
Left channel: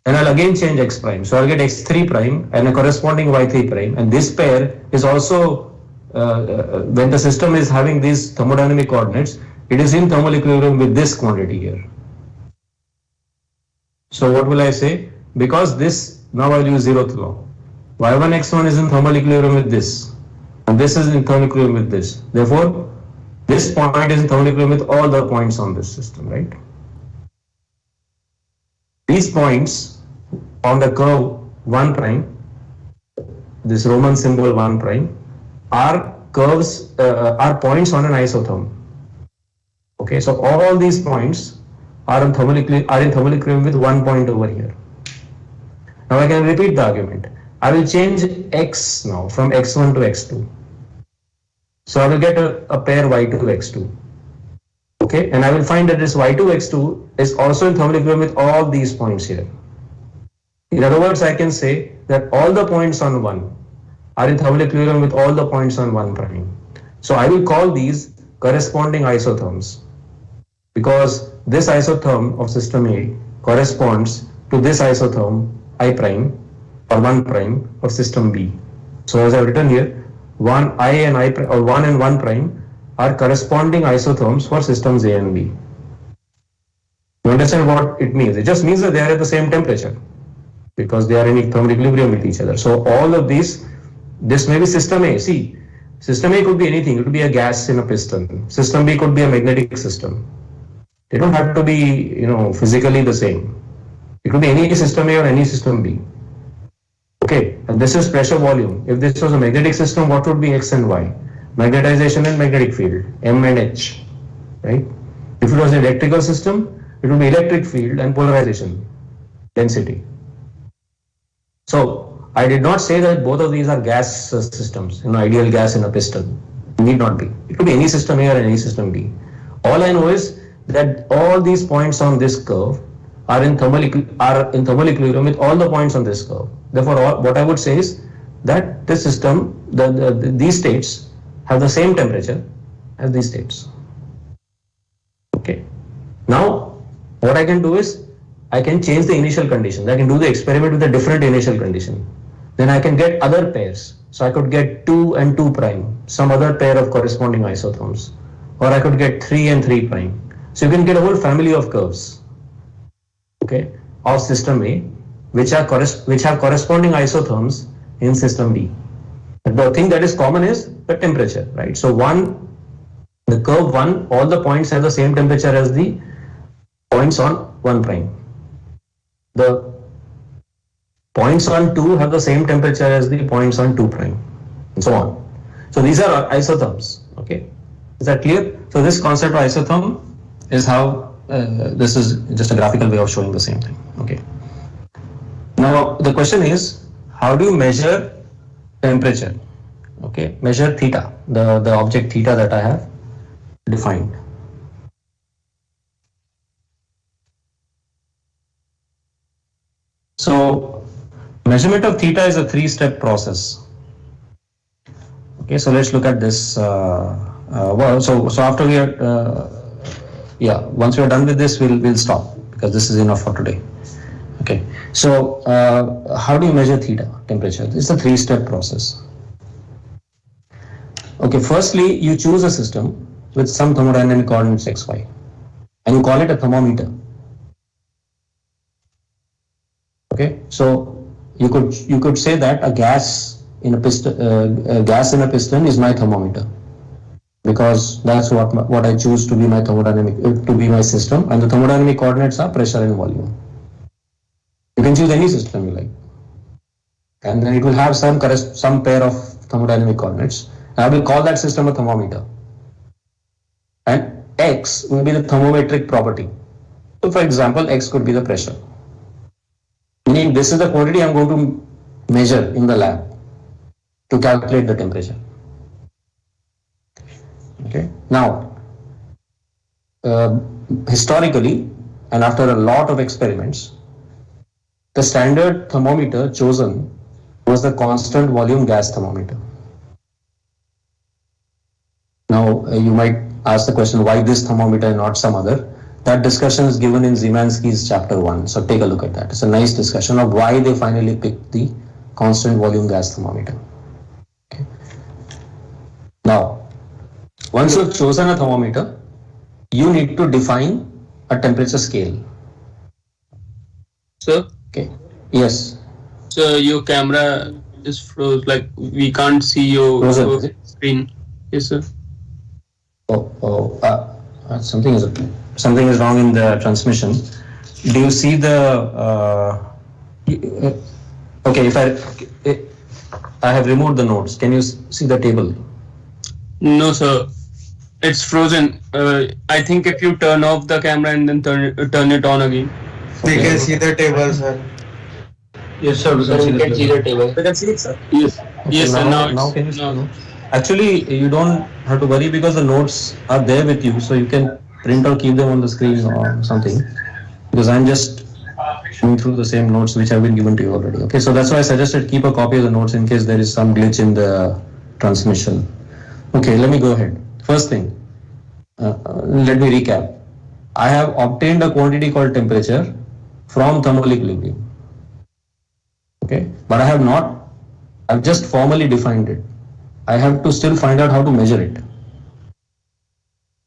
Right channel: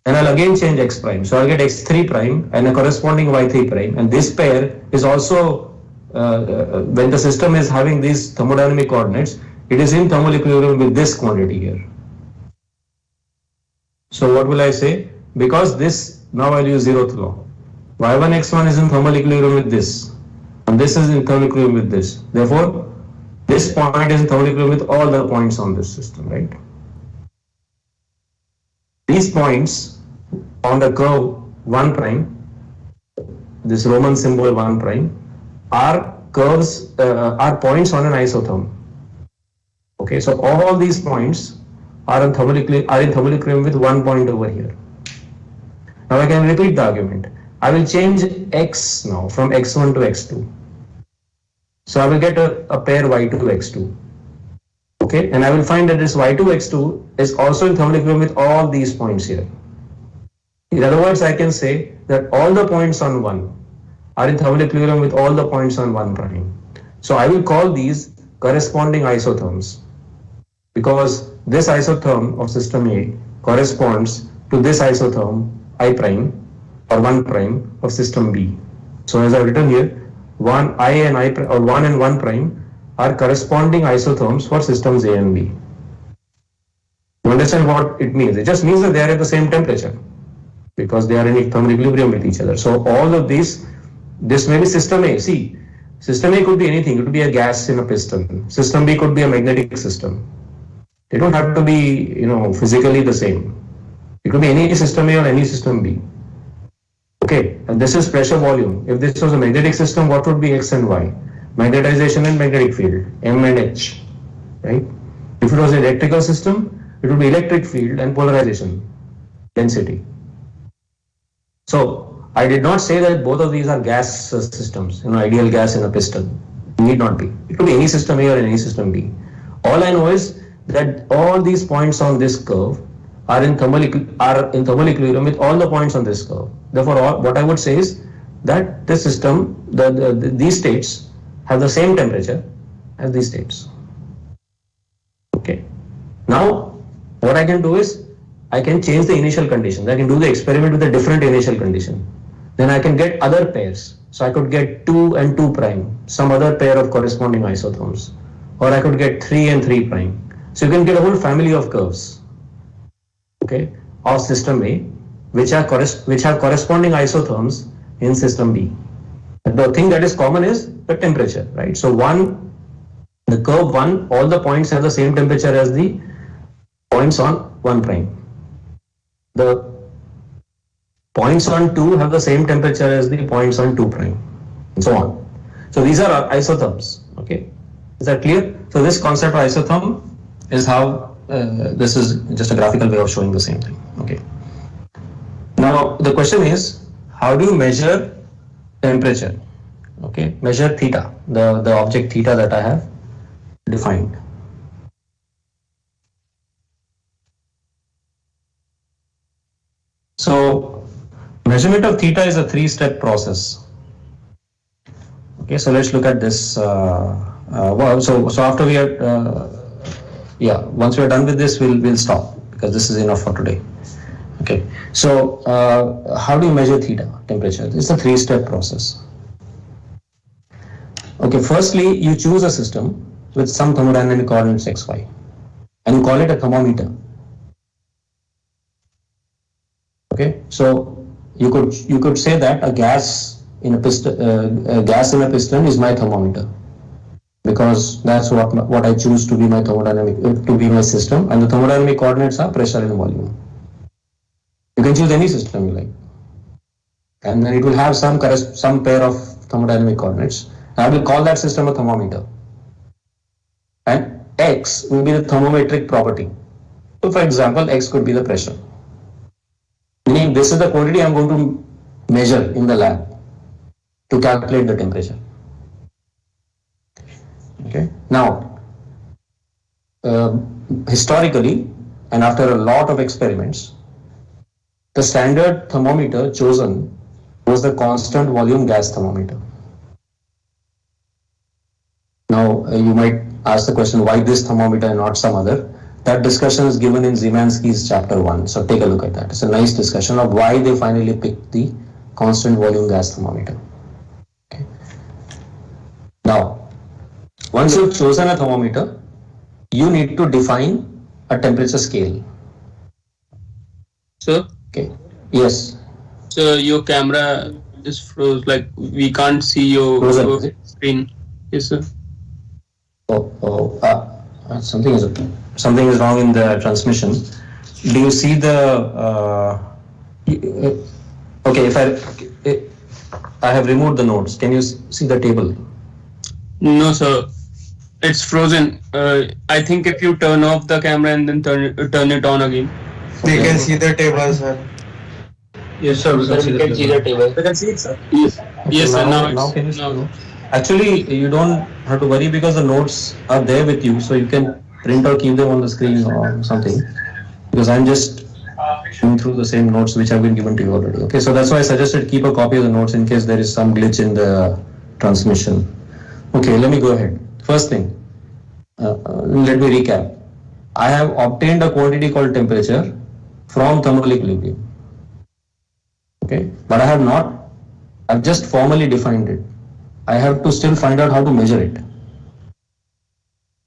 And I'll again change x prime. So I'll get x3 prime and a corresponding y3 prime. And this pair is also, when the system is having these thermodynamic coordinates, it is in thermal equilibrium with this quantity here. So what will I say? Because this, now I'll use zeroth law. y1, x1 is in thermal equilibrium with this, and this is in thermal equilibrium with this. Therefore, this point is in thermal equilibrium with all the points on this system, right? These points on the curve 1 prime, this Roman symbol 1 prime, are curves, are points on an isotherm. Okay, so all these points are in thermal equilibrium with 1 point over here. Now I can repeat the argument. I will change x now from x1 to x2. So I will get a pair y2 x2. Okay, and I will find that this y2 x2 is also in thermal equilibrium with all these points here. In other words, I can say that all the points on 1 are in thermal equilibrium with all the points on 1 prime. So I will call these corresponding isotherms, because this isotherm of system A corresponds to this isotherm I prime or 1 prime of system B. So as I have written here, 1 and 1 prime are corresponding isotherms for systems A and B. You understand what it means? It just means that they are at the same temperature because they are in thermal equilibrium with each other. So all of this may be system A. See, system A could be anything. It could be a gas in a piston. System B could be a magnetic system. They don't have to be, physically the same. It could be any system A or any system B. Okay, and this is pressure volume. If this was a magnetic system, what would be X and Y? Magnetization and magnetic field, M and H, right? If it was an electrical system, it would be electric field and polarization, density. So I did not say that both of these are gas systems, ideal gas in a piston. It need not be. It could be any system A or any system B. All I know is that all these points on this curve are in thermal equilibrium with all the points on this curve. Therefore, what I would say is that this system, these states have the same temperature as these states. Okay. Now, what I can do is I can change the initial conditions. I can do the experiment with a different initial condition. Then I can get other pairs. So I could get 2 and 2 prime, some other pair of corresponding isotherms. Or I could get 3 and 3 prime. So you can get a whole family of curves, okay, of system A, which have corresponding isotherms in system B. The thing that is common is the temperature, right? So the curve 1, all the points have the same temperature as the points on 1 prime. The points on 2 have the same temperature as the points on 2 prime, and so on. So these are isotherms, okay? Is that clear? So this concept of isotherm is how, this is just a graphical way of showing the same thing, okay? Now the question is, how do you measure temperature? Okay, measure theta, the object theta that I have defined. So measurement of theta is a 3-step process. Okay, so let's look at this. So after we are, once we are done with this, we'll stop, because this is enough for today. Okay, so how do you measure theta, temperature? It's a 3-step process. Okay, firstly, you choose a system with some thermodynamic coordinates xy, and you call it a thermometer. Okay, so you could say that a gas in a piston is my thermometer, because that's what I choose to be my thermodynamic, to be my system, and the thermodynamic coordinates are pressure and volume. You can choose any system you like, and then it will have some pair of thermodynamic coordinates. I will call that system a thermometer, and x will be the thermometric property. So for example, x could be the pressure, meaning this is the quantity I'm going to measure in the lab to calculate the temperature. Okay. Now, historically, and after a lot of experiments, the standard thermometer chosen was the constant volume gas thermometer. Now, you might ask the question, why this thermometer and not some other? That discussion is given in Szymanski's chapter 1. So take a look at that. It's a nice discussion of why they finally picked the constant volume gas thermometer. Okay. Now, once you've chosen a thermometer, you need to define a temperature scale. Sir? Okay. Yes. So your camera is froze, like we can't see your screen. Yes, sir. Something is wrong in the transmission. Do you see the? Okay, I have removed the notes. Can you see the table? No, sir. It's frozen. I think if you turn off the camera and then turn it on again. They can see the table, sir. Yes, sir. We can see the table. We can see it, sir. Yes. Okay, Yes, sir. Now can you see the notes? Actually, you don't have to worry, because the notes are there with you, so you can print or keep them on the screen or something. Because I'm just going through the same notes which have been given to you already. Okay, so that's why I suggested keep a copy of the notes in case there is some glitch in the transmission. Okay, let me go ahead. First thing, let me recap. I have obtained a quantity called temperature from thermal equilibrium. Okay, but I've just formally defined it. I have to still find out how to measure it.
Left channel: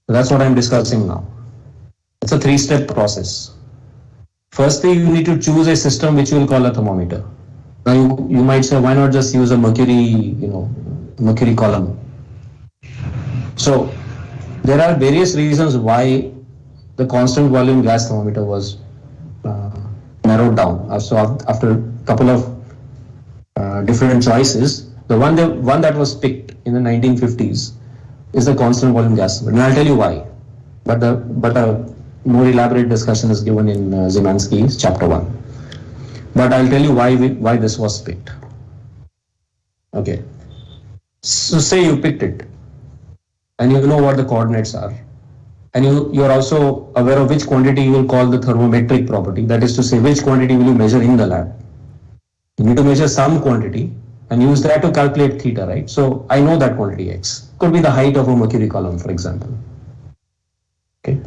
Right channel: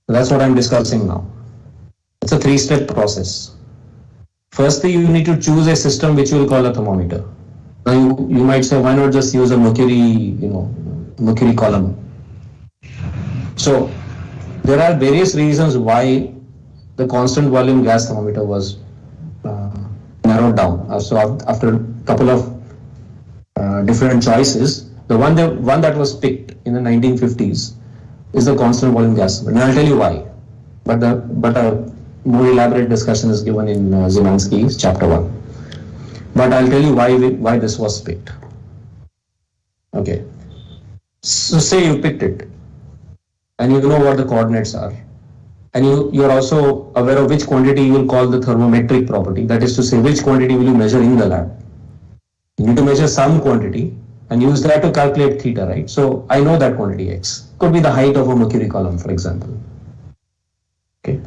So that's what I'm discussing now. It's a 3-step process. Firstly, you need to choose a system which you will call a thermometer. Now you might say, why not just use a mercury column? So there are various reasons why the constant volume gas thermometer was narrowed down. So after a couple of different choices, the one that was picked in the 1950s is the constant volume gas thermometer. And I'll tell you why. But a more elaborate discussion is given in Szymanski's chapter 1. But I'll tell you why this was picked. Okay. So say you picked it, and you know what the coordinates are, and you're also aware of which quantity you will call the thermometric property. That is to say, which quantity will you measure in the lab. You need to measure some quantity and use that to calculate theta, right? So I know that quantity x. Could be the height of a mercury column, for example. Okay.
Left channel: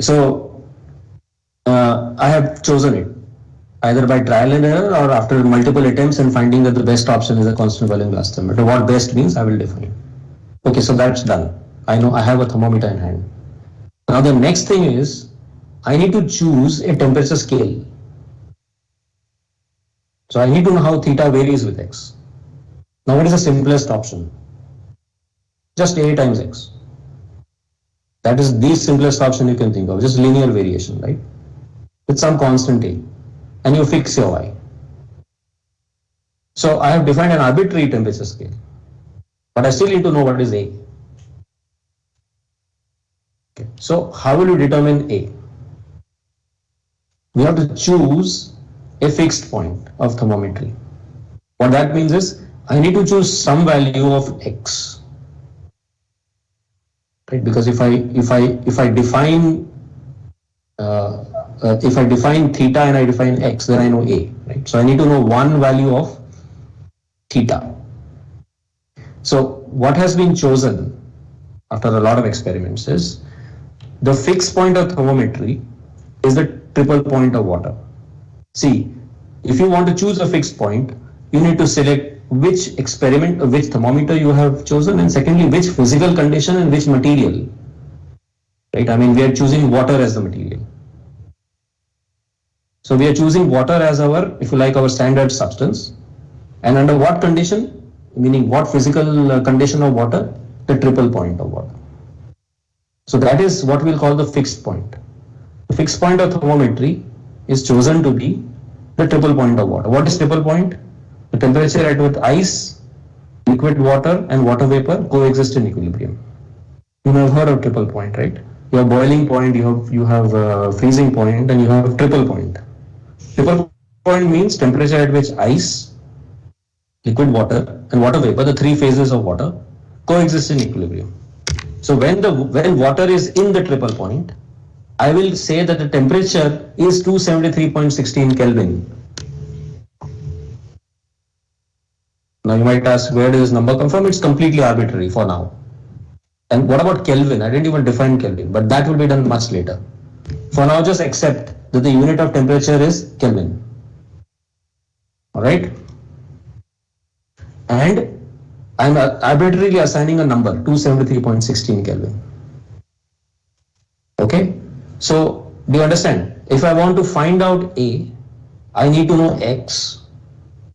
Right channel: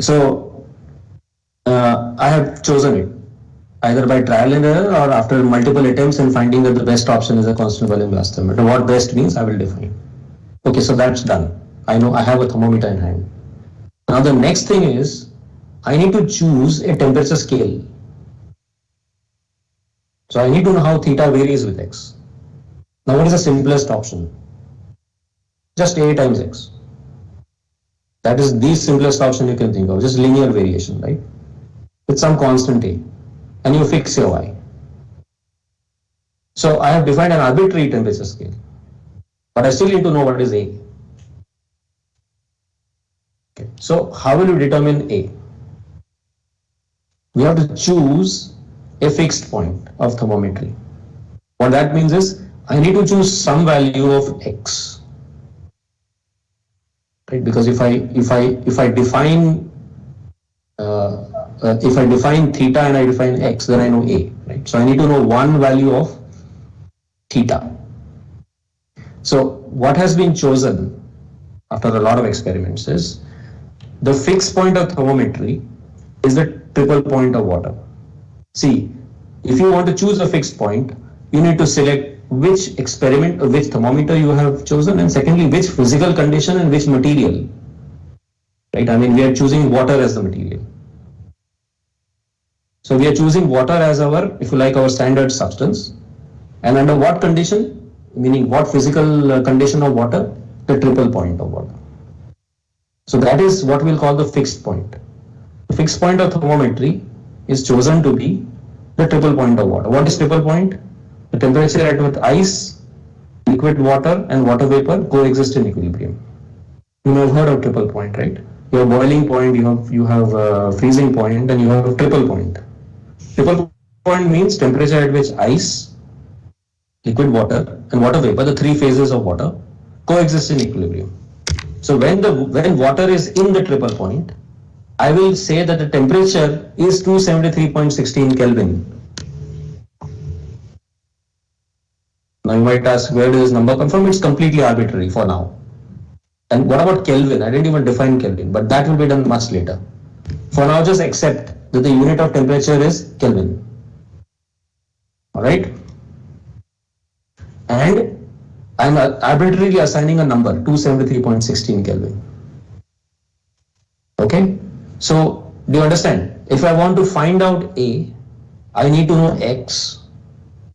So I have chosen it either by trial and error or after multiple attempts and finding that the best option is a constant volume gas thermometer. What best means, I will define. Okay, so that's done. I know I have a thermometer in hand. Now the next thing is I need to choose a temperature scale. So I need to know how theta varies with x. Now what is the simplest option? Just A times x. That is the simplest option you can think of, just linear variation, right? With some constant A. And you fix your y. So I have defined an arbitrary temperature scale, but I still need to know what is A. Okay. So how will you determine A? We have to choose a fixed point of thermometry. What that means is I need to choose some value of x. Right? Because if I define if I define theta and I define x, then I know A, right? So I need to know one value of theta. So what has been chosen after a lot of experiments is the fixed point of thermometry is the triple point of water. See, if you want to choose a fixed point, you need to select which experiment or which thermometer you have chosen, and secondly, which physical condition and which material. Right? I mean, we are choosing water as the material. So we are choosing water as our, if you like, our standard substance. And under what condition? Meaning what physical condition of water? The triple point of water. So that is what we'll call the fixed point. The fixed point of thermometry is chosen to be the triple point of water. What is triple point? The temperature at which ice, liquid water and water vapor coexist in equilibrium. You may have heard of triple point, right? You have boiling point, you have freezing point, and you have triple point. Triple point means temperature at which ice, liquid water and water vapor, the three phases of water, coexist in equilibrium. So when water is in the triple point, I will say that the temperature is 273.16 Kelvin. Now you might ask, where does this number come from? It's completely arbitrary for now. And what about Kelvin? I didn't even define Kelvin, but that will be done much later. For now, just accept that the unit of temperature is Kelvin. All right? And I'm arbitrarily assigning a number, 273.16 Kelvin. Okay? So, do you understand? If I want to find out A, I need to know X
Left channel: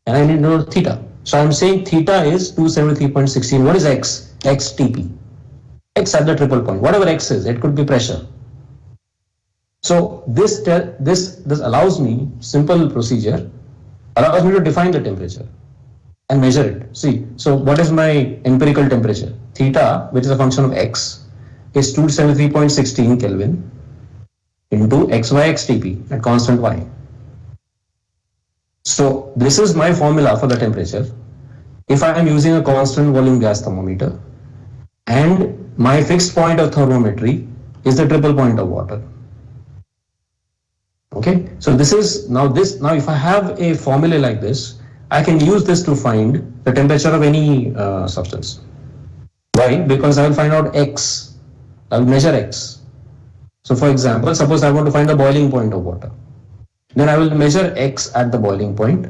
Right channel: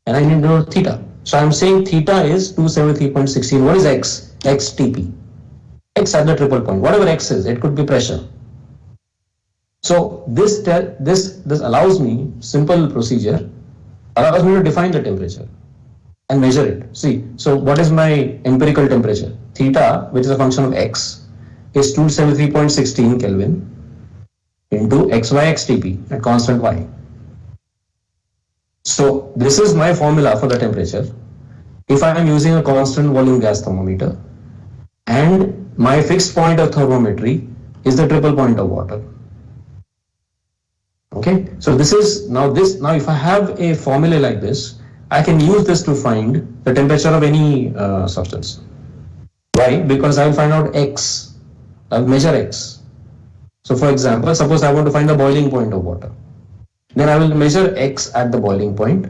and I need to know theta. So I'm saying theta is 273.16. What is X? X Tp. X at the triple point. Whatever X is, it could be pressure. So this allows me, simple procedure, allows me to define the temperature and measure it. See, so what is my empirical temperature? Theta, which is a function of X, is 273.16 Kelvin into XY at constant Y. So this is my formula for the temperature. If I am using a constant volume gas thermometer and my fixed point of thermometry is the triple point of water. Okay, so this is now if I have a formula like this, I can use this to find the temperature of any substance. Why? Because I will find out X. I will measure X. So for example, suppose I want to find the boiling point of water. Then I will measure X at the boiling point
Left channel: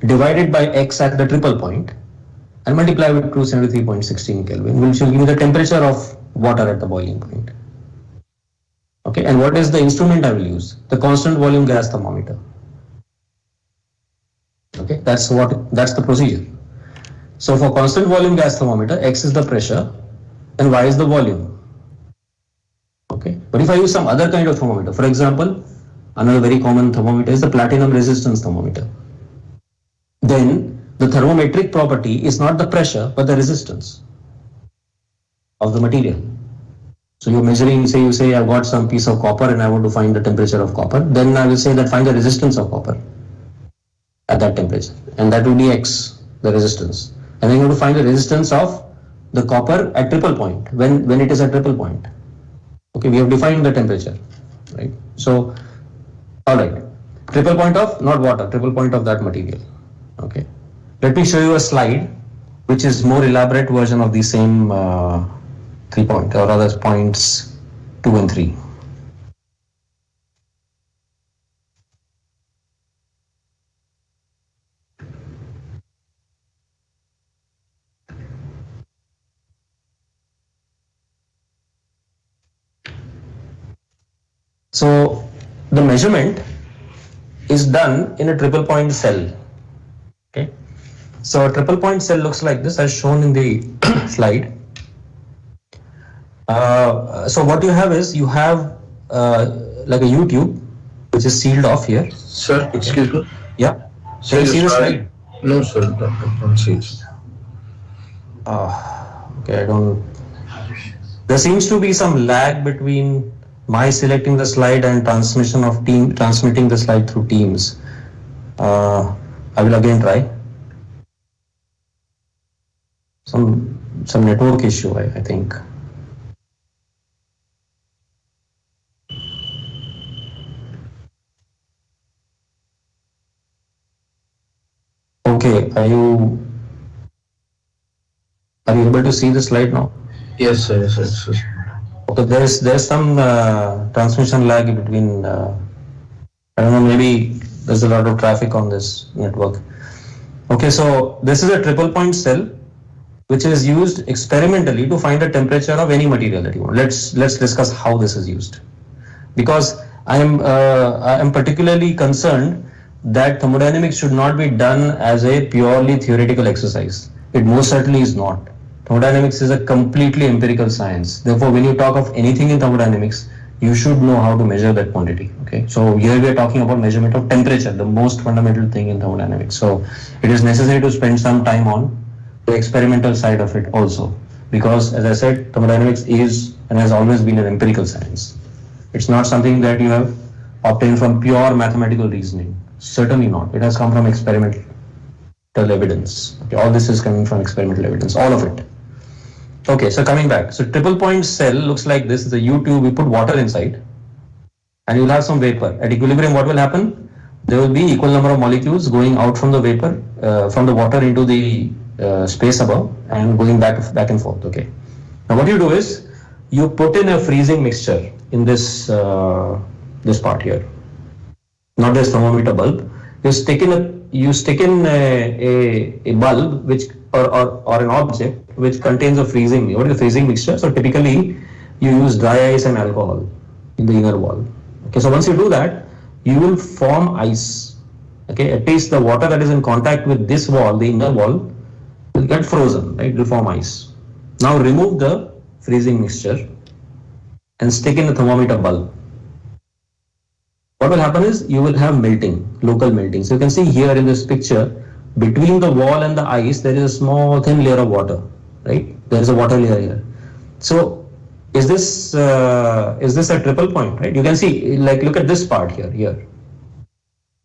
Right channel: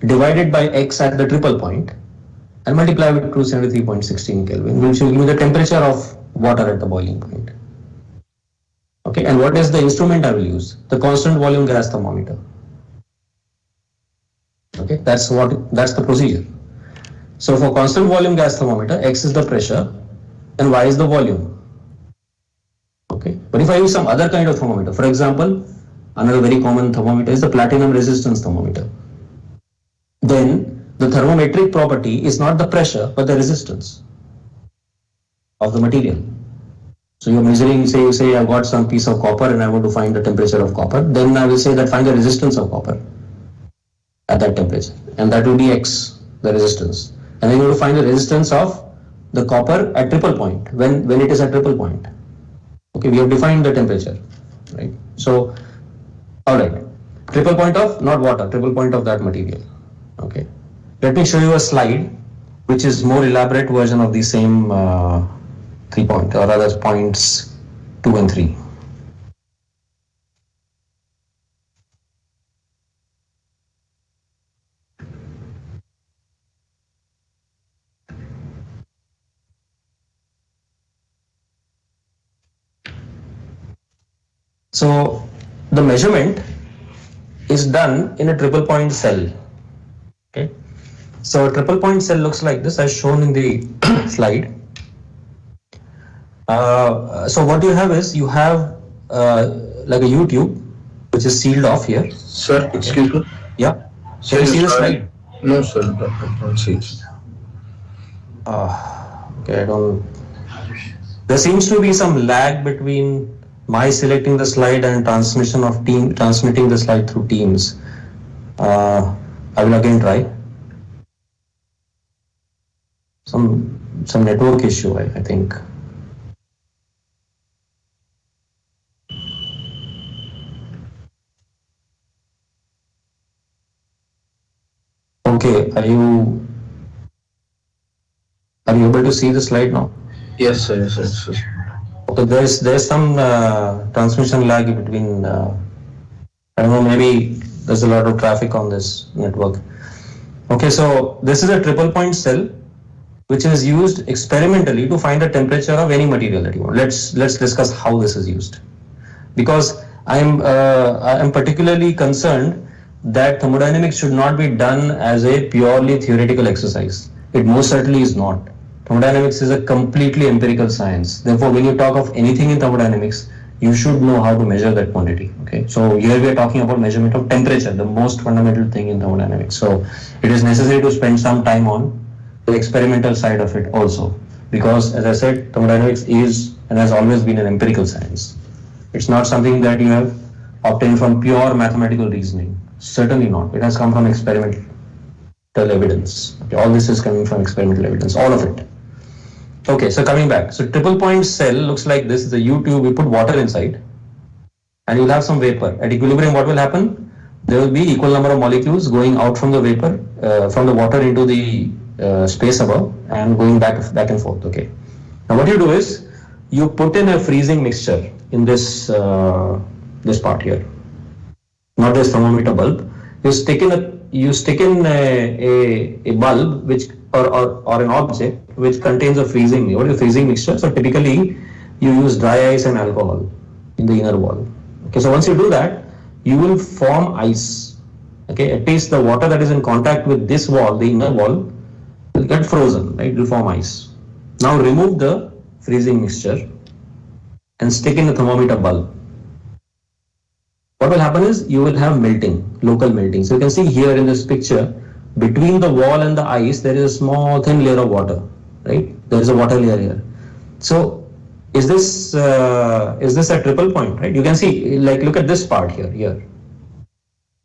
divided by X at the triple point and multiply with 273.16 Kelvin, which will give me the temperature of water at the boiling point. Okay, and what is the instrument I will use? The constant volume gas thermometer. Okay, that's the procedure. So for constant volume gas thermometer, X is the pressure and Y is the volume. Okay, but if I use some other kind of thermometer, for example, another very common thermometer is the platinum resistance thermometer. Then the thermometric property is not the pressure but the resistance of the material. So you're measuring, you say I've got some piece of copper and I want to find the temperature of copper. Then I will say that find the resistance of copper at that temperature, and that will be X, the resistance. And then you want to find the resistance of the copper at triple point, when it is at triple point. Okay, we have defined the temperature, right? So, all right, triple point of, not water, triple point of that material. Okay, let me show you a slide which is more elaborate version of the same 3 point or other points 2 and 3. So the measurement is done in a triple point cell. Okay. So a triple point cell looks like this as shown in the slide. So what you have is you have like a U-tube which is sealed off here. Sir, excuse me. Yeah. Can you see the slide? No, sir. I don't see it. Okay, I don't. There seems to be some lag between my selecting the slide and transmitting the slide through Teams. I will again try. Some network issue, I think. Okay, are you able to see the slide now? Yes, sir. Yes, sir. Okay, there's some transmission lag between. I don't know. Maybe there's a lot of traffic on this network. Okay, so this is a triple point cell, which is used experimentally to find the temperature of any material that you want. Let's discuss how this is used, because I am particularly concerned that thermodynamics should not be done as a purely theoretical exercise. It most certainly is not. Thermodynamics is a completely empirical science. Therefore, when you talk of anything in thermodynamics, you should know how to measure that quantity. Okay, so here we are talking about measurement of temperature, the most fundamental thing in thermodynamics. So it is necessary to spend some time on the experimental side of it also, because as I said, thermodynamics is and has always been an empirical science. It's not something that you have obtained from pure mathematical reasoning. Certainly not. It has come from experimental evidence. Okay, all this is coming from experimental evidence, all of it. Okay, so coming back. So triple point cell looks like this. It's a U-tube. We put water inside and you'll have some vapor. At equilibrium, what will happen? There will be equal number of molecules going out from the vapor, from the water into the space above and going back and forth. Okay. Now what you do is you put in a freezing mixture in this this part here, not this thermometer bulb. You stick in a bulb which or an object which contains a freezing. What is a freezing mixture? So typically you use dry ice and alcohol in the inner wall. Okay, so once you do that, you will form ice. Okay, at least the water that is in contact with this wall, the inner wall, will get frozen, right? It will form ice. Now remove the freezing mixture and stick in a thermometer bulb. What will happen is you will have melting, local melting. So you can see here in this picture, between the wall and the ice, there is a small thin layer of water, right? There is a water layer here. So is this a triple point, right? You can see, like, look at this part here.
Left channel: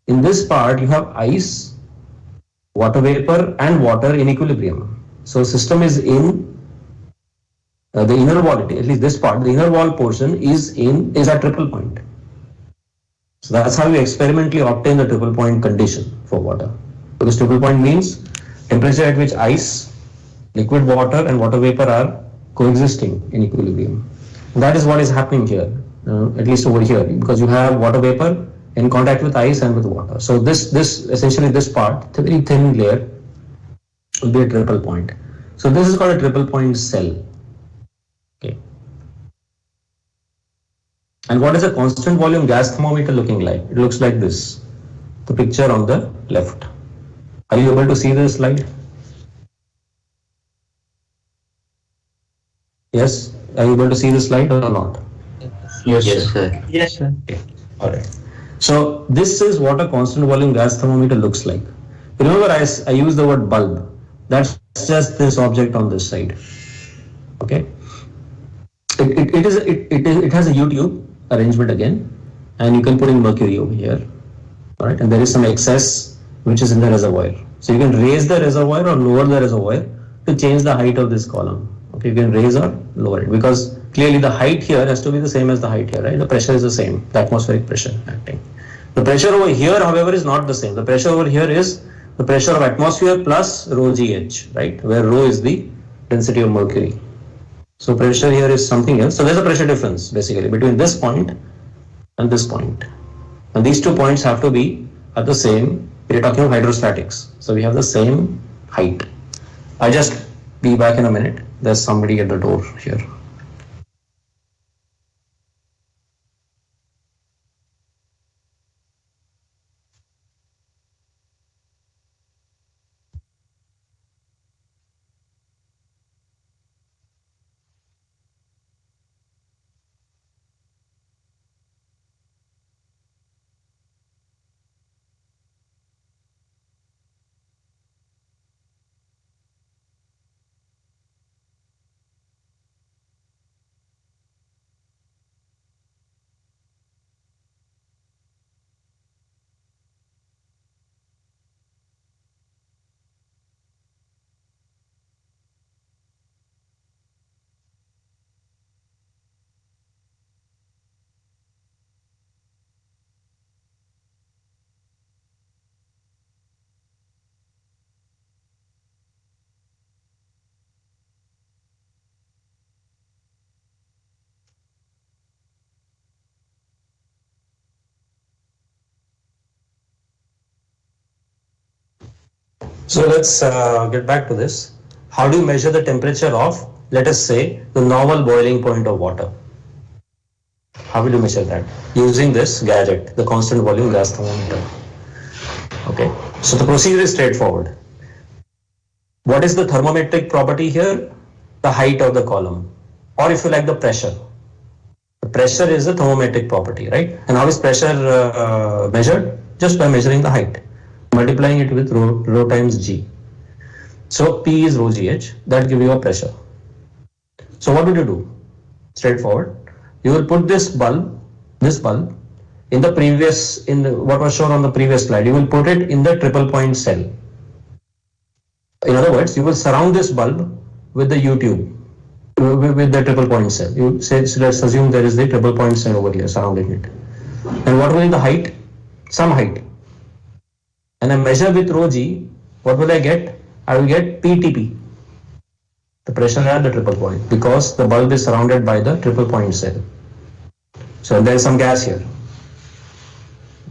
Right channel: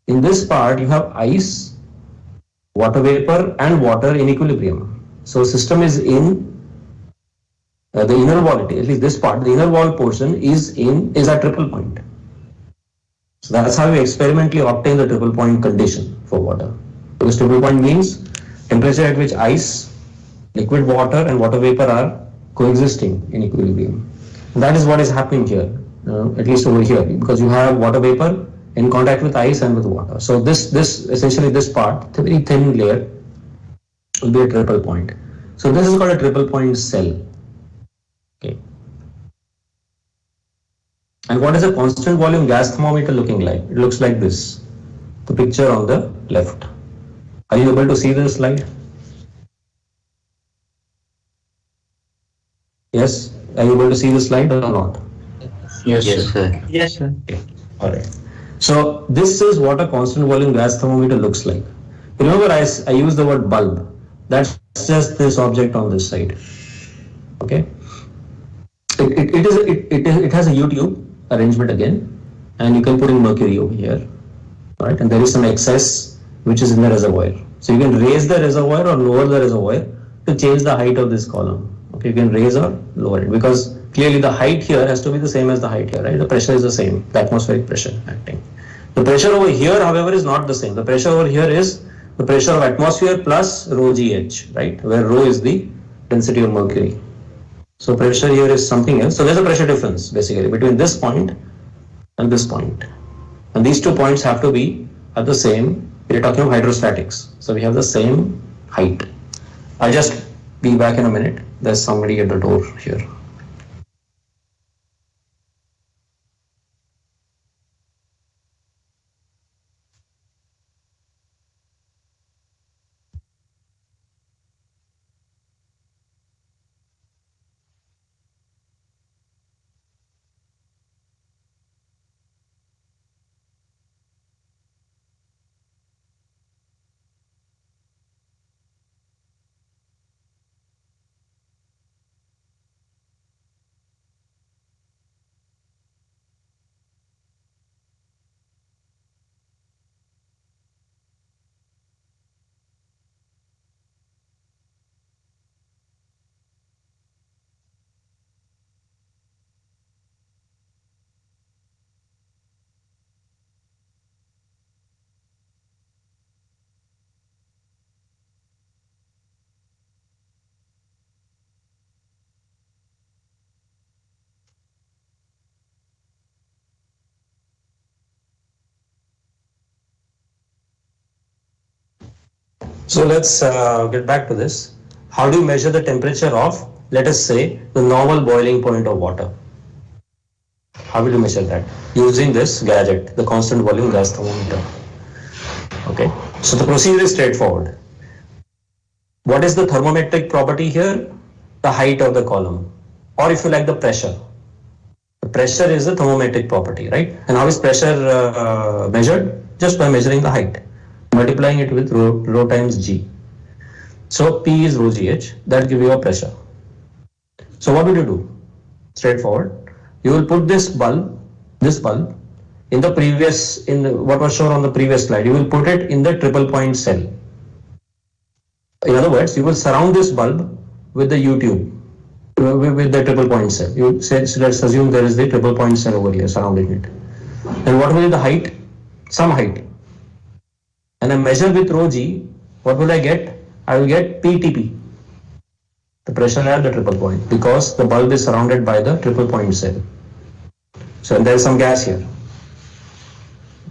In this part, you have ice, water vapor, and water in equilibrium. So system is in the inner wall. At least this part, the inner wall portion is at triple point. So that's how you experimentally obtain the triple point condition for water. Because triple point means temperature at which ice, liquid water and water vapor are coexisting in equilibrium. And that is what is happening here, at least over here, because you have water vapor in contact with ice and with water. So this essentially this part, the very thin layer, will be a triple point. So this is called a triple point cell. Okay. And what is a constant volume gas thermometer looking like? It looks like this, the picture on the left. Are you able to see this slide? Yes? Are you able to see the slide or not? Yes, sir. Yes, sir. Okay. All right. So this is what a constant volume gas thermometer looks like. Remember, I used the word bulb. That's just this object on this side. Okay. It has a U-tube arrangement again, and you can put in mercury over here. All right, and there is some excess which is in the reservoir. So you can raise the reservoir or lower the reservoir to change the height of this column. Okay, you can raise or lower it, because clearly the height here has to be the same as the height here, right? The pressure is the same, the atmospheric pressure acting. The pressure over here, however, is not the same. The pressure over here is the pressure of atmosphere plus rho GH, right? Where rho is the density of mercury. So pressure here is something else. So there's a pressure difference basically between this point and this point. And these 2 points have to be at the same, we're talking of hydrostatics. So we have the same height. I'll just be back in a minute. There's somebody at the door here. So let's get back to this. How do you measure the temperature of, let us say, the normal boiling point of water? How will you measure that? Using this gadget, the constant volume gas thermometer. Okay. So the procedure is straightforward. What is the thermometric property here? The height of the column, or if you like, the pressure. The pressure is the thermometric property, right? And how is pressure measured? Just by measuring the height, multiplying it with rho times G. So P is rho GH, that gives you a pressure. So what will you do? Straightforward. You will put this bulb in the previous, what was shown on the previous slide. You will put it in the triple point cell. In other words, you will surround this bulb with the U tube, with the triple point cell. You say, so let's assume there is the triple point cell over here surrounding it. And what will be the height? Some height. And I measure with rho G, what will I get? I will get PTP, the pressure at the triple point, because the bulb is surrounded by the triple point cell. So there is some gas here.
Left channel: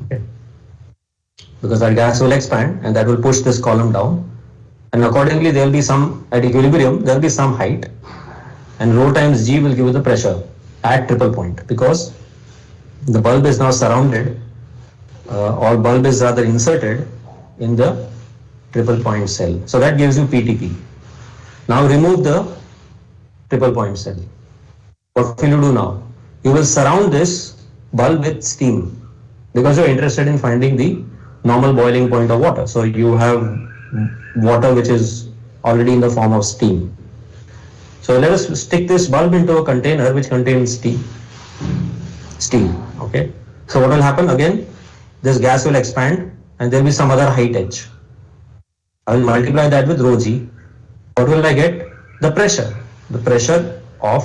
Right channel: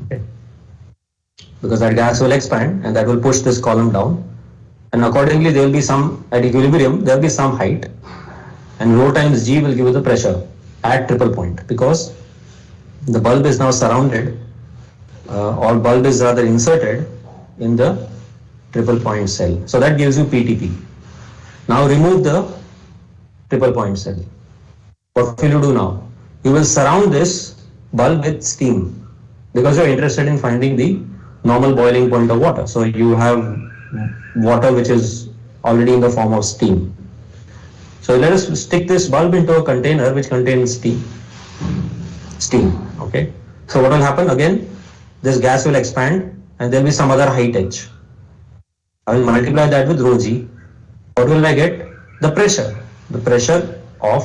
Okay. Because that gas will expand and that will push this column down. And accordingly, there will be some, at equilibrium, there will be some height. And rho times G will give you the pressure at triple point, because the bulb is now surrounded, or bulb is rather inserted in the triple point cell. So that gives you PTP. Now remove the triple point cell. What will you do now? You will surround this bulb with steam, because you are interested in finding the normal boiling point of water. So you have water which is already in the form of steam. So let us stick this bulb into a container which contains steam. Okay. So what will happen? Again, this gas will expand and there will be some other height h. I will multiply that with rho G. What will I get? The pressure. The pressure of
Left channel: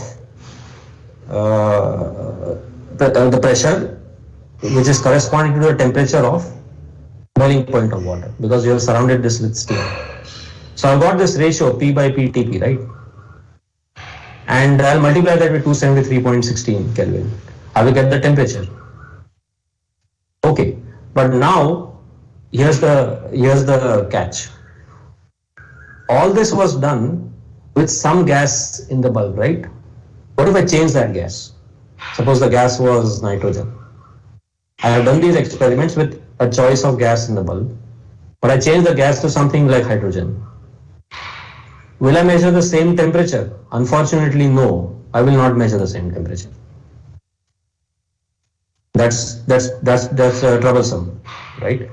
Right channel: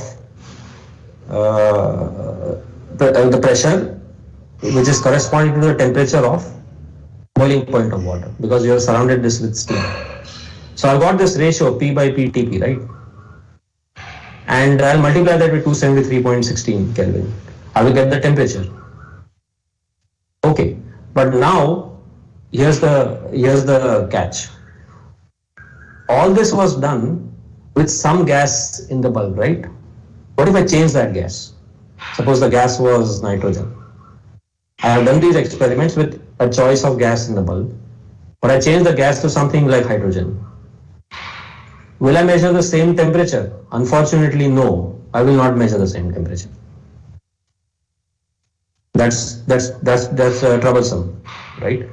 the pressure which is corresponding to the temperature of boiling point of water, because you have surrounded this with steam. So I got this ratio P by PTP, right? And I'll multiply that with 273.16 Kelvin. I will get the temperature. Okay, but now here's the catch. All this was done with some gas in the bulb, right? What if I change that gas? Suppose the gas was nitrogen. I have done these experiments with a choice of gas in the bulb, but I change the gas to something like hydrogen. Will I measure the same temperature? Unfortunately, no. I will not measure the same temperature. That's troublesome, right?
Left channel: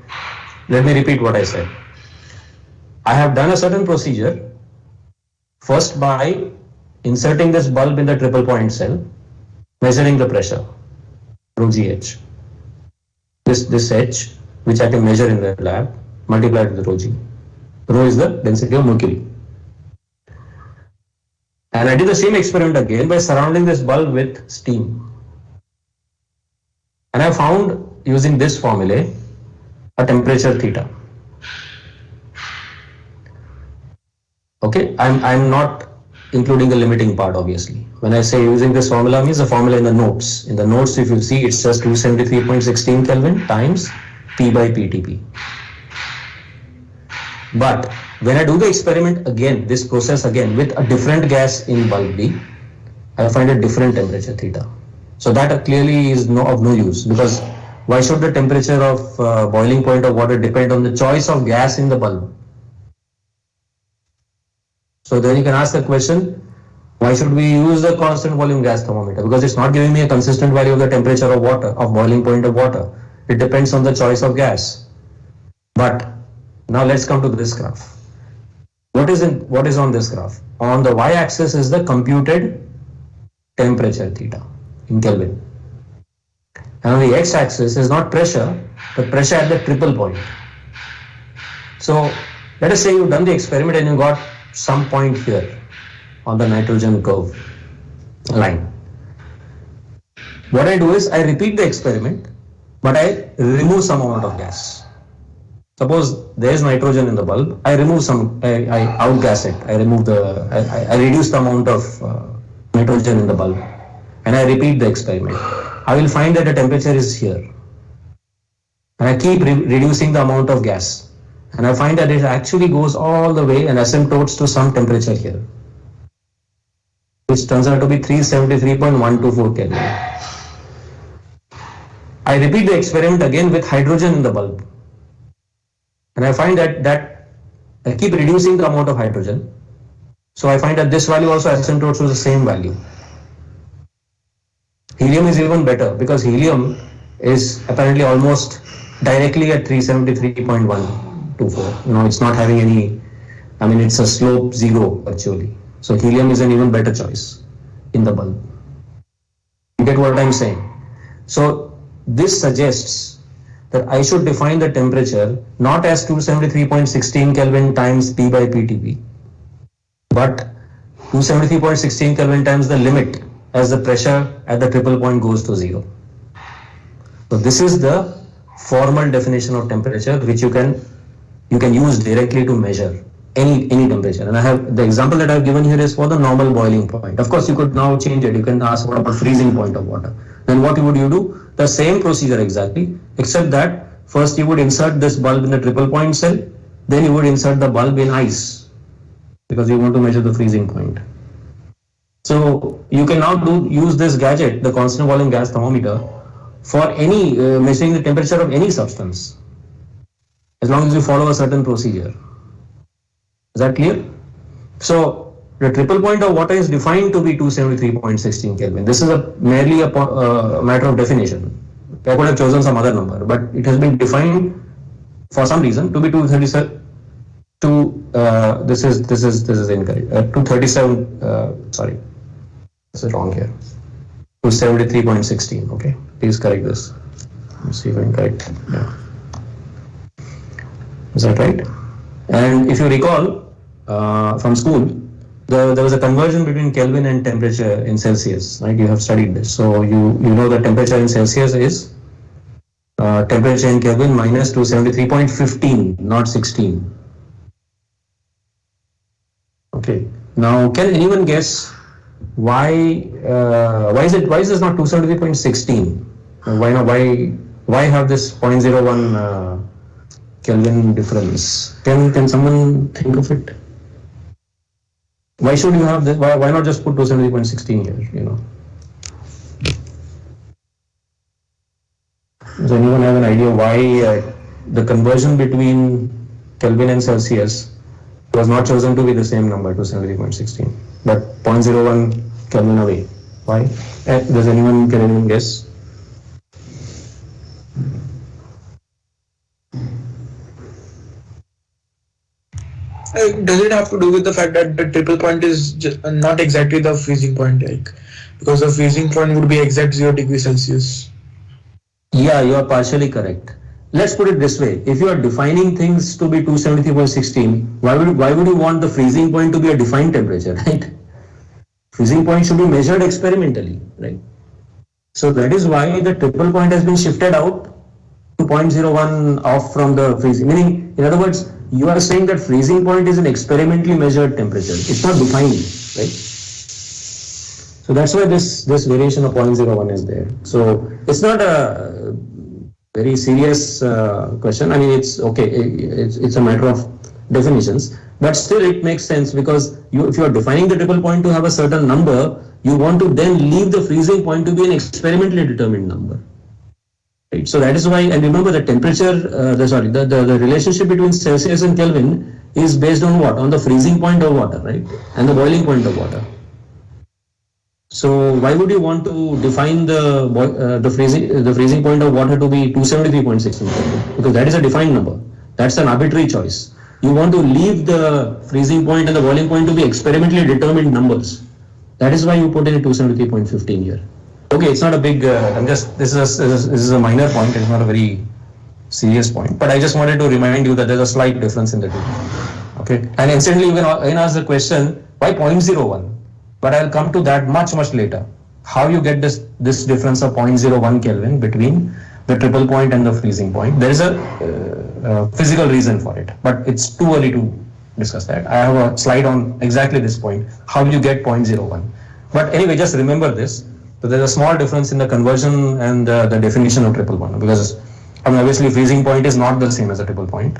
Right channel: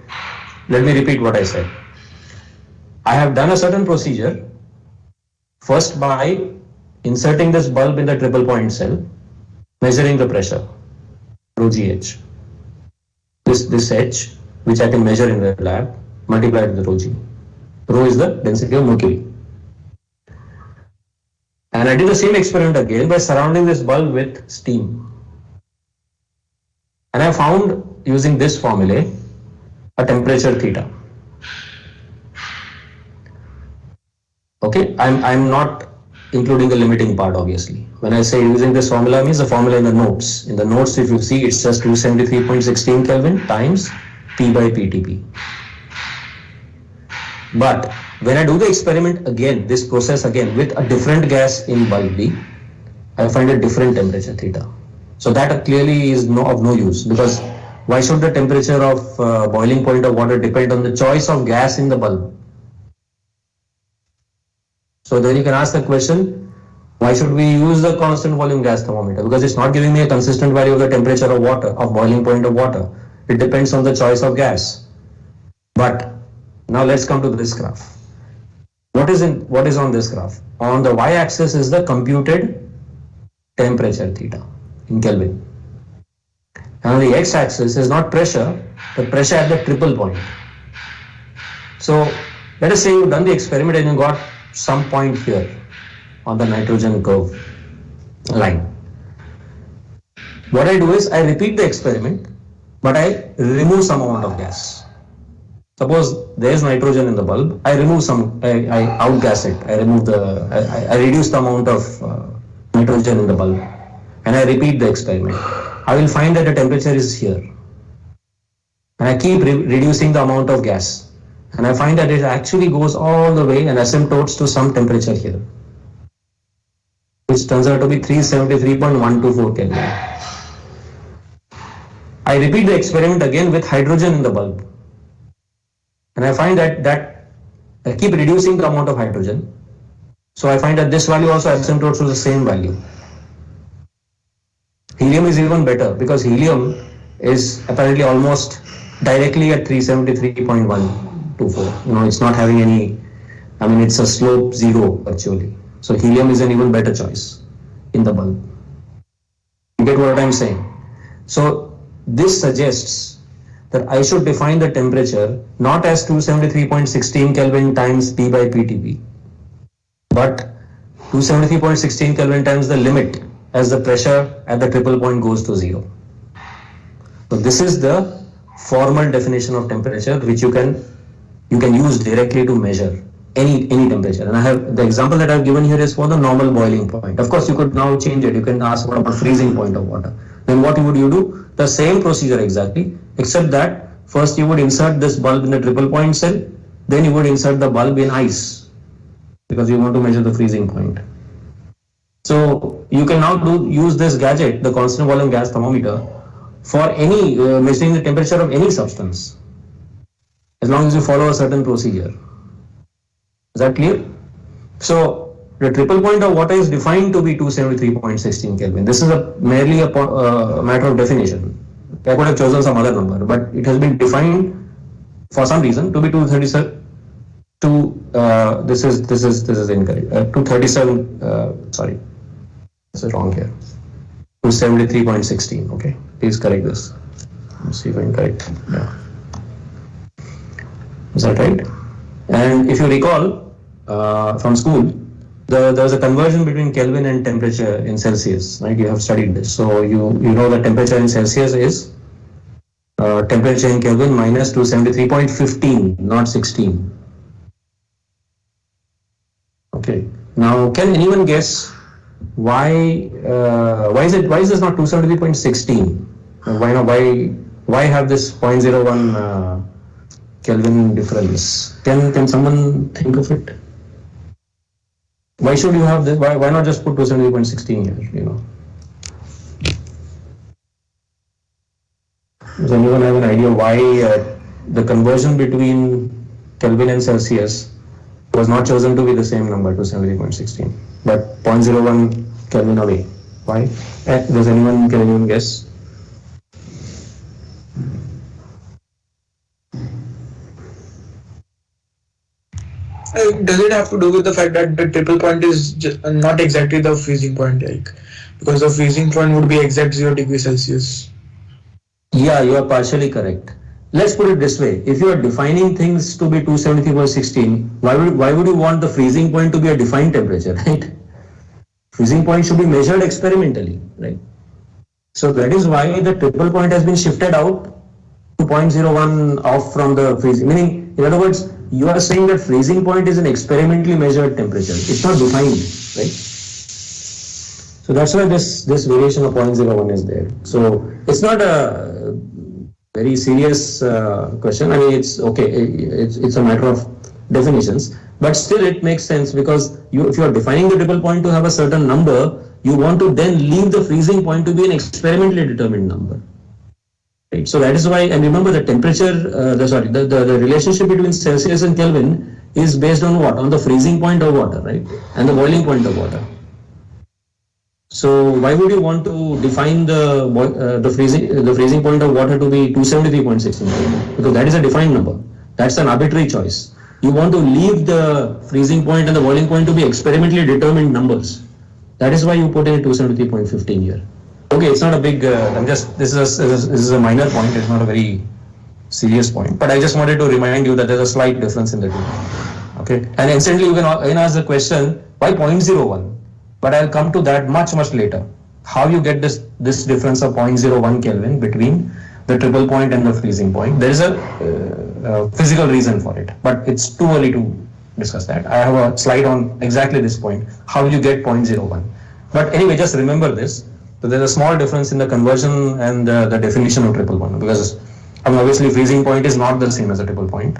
Let me repeat what I said. I have done a certain procedure, first by inserting this bulb in the triple point cell, measuring the pressure, rho GH. This H, which I can measure in the lab, multiplied with rho G. Rho is the density of mercury. And I did the same experiment again by surrounding this bulb with steam. And I found, using this formula, a temperature theta. Okay, I'm not including the limiting part, obviously. When I say using this formula, means the formula in the notes. In the notes, if you see, it's just 273.16 Kelvin times P by PTP. But when I do the experiment again, this process again with a different gas in bulb B, I find a different temperature theta. So that clearly is of no use, because why should the temperature of boiling point of water depend on the choice of gas in the bulb? So then you can ask the question, why should we use the constant volume gas thermometer? Because it's not giving me a consistent value of the temperature of water, of boiling point of water. It depends on the choice of gas. But now let's come to this graph. What is on this graph? On the y-axis is the computed temperature theta in Kelvin. And on the x-axis is not pressure, but pressure at the triple point. So let us say you've done the experiment and you got some point here on the nitrogen curve line. What I do is I repeat the experiment, but I remove some amount of gas. Suppose there is nitrogen in the bulb, I remove some, I outgas it, I reduce the amount of nitrogen in the bulb, and I repeat the experiment. I will find that the temperature is here. And I keep reducing the amount of gas. And I find that it actually goes all the way and asymptotes to some temperature here, which turns out to be 373.124 Kelvin. I repeat the experiment again with hydrogen in the bulb. And I find that I keep reducing the amount of hydrogen. So I find that this value also asymptotes to the same value. Helium is even better because helium is apparently almost directly at 373.124. It's not having any, it's a slope zero actually. So helium is an even better choice in the bulb. You get what I'm saying? So this suggests that I should define the temperature not as 273.16 Kelvin times P by PTP, but 273.16 Kelvin times the limit as the pressure at the triple point goes to zero. So this is the formal definition of temperature which you can use directly to measure any temperature. And I have the example that I've given here is for the normal boiling point. Of course, you could now change it. You can ask what about freezing point of water. Then what would you do? The same procedure exactly, except that first you would insert this bulb in the triple point cell, then you would insert the bulb in ice because you want to measure the freezing point. So you can now use this gadget, the constant volume gas thermometer, for any measuring the temperature of any substance, as long as you follow a certain procedure. Is that clear? So the triple point of water is defined to be 273.16 Kelvin. This is merely a matter of definition. I could have chosen some other number, but it has been defined for some reason to be 237. This is incorrect. 237. Sorry, this is wrong here. 273.16. Okay, please correct this. Let's see if I'm correct. Yeah. Is that right? And if you recall from school, there was a conversion between Kelvin and temperature in Celsius, right? You have studied this. So you know the temperature in Celsius is temperature in Kelvin minus 273.15, not 16. Okay. Now, can anyone guess why is this not 273.16? Why have this 0.01 Kelvin difference? Can someone think of it? Why should you have this? Why not just put 270.16 here? Does anyone have an idea why the conversion between Kelvin and Celsius was not chosen to be the same number, 270.16, but 0.01 Kelvin away? Why? Can anyone guess? Does it have to do with the fact that the triple point is not exactly the freezing point, because the freezing point would be exact 0 degrees Celsius? Yeah, you are partially correct. Let's put it this way: if you are defining things to be 273.16, why would you want the freezing point to be a defined temperature, right? Freezing point should be measured experimentally, right? So that is why the triple point has been shifted out to 0.01 off from the freezing. Meaning, in other words, you are saying that freezing point is an experimentally measured temperature. It's not defined, right? So that's why this variation of 0.01 is there. So it's not a very serious question. It's okay. It's a matter of definitions, but still it makes sense because if you are defining the triple point to have a certain number, you want to then leave the freezing point to be an experimentally determined number. Right. So that is why, and remember the temperature, the relationship between Celsius and Kelvin is based on what? On the freezing point of water, right? And the boiling point of water. So why would you want to define the freezing point of water to be 273.16 Kelvin? Because that is a defined number. That's an arbitrary choice. You want to leave the freezing point and the boiling point to be experimentally determined numbers. That is why you put in 273.15 here. Okay, it's not a big. This is a minor point. It's not a very serious point. But I just wanted to remind you that there's a slight difference in the two. Okay, and instantly you can ask the question, why 0.01? But I'll come to that much later. How you get this difference of 0.01 Kelvin between the triple point and the freezing point? There is a physical reason for it, but it's too early to discuss that. I have a slide on exactly this point. How you get 0.01? But anyway, just remember this. So there's a small difference in the conversion and the definition of triple point, because obviously freezing point is not the same as a triple point.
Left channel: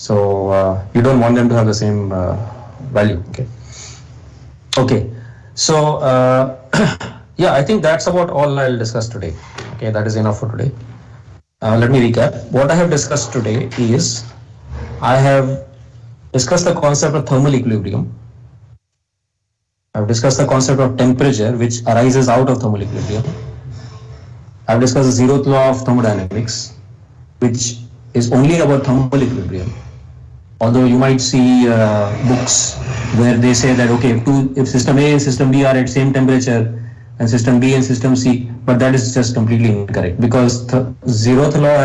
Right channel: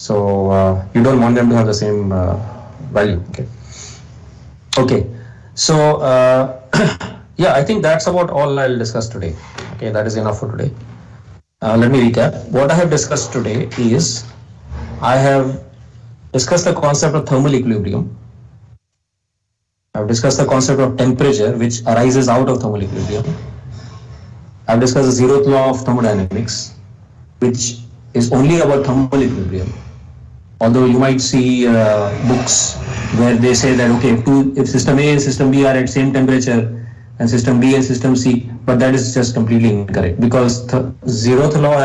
So you don't want them to have the same value. Okay. So yeah, I think that's about all I'll discuss today. Okay, that is enough for today. Let me recap. What I have discussed today is I have discussed the concept of thermal equilibrium. I've discussed the concept of temperature which arises out of thermal equilibrium. I've discussed the zeroth law of thermodynamics, which is only about thermal equilibrium. Although you might see books where they say that okay, if system A and system B are at same temperature, and system B and system C, but that is just completely incorrect, because the zeroth law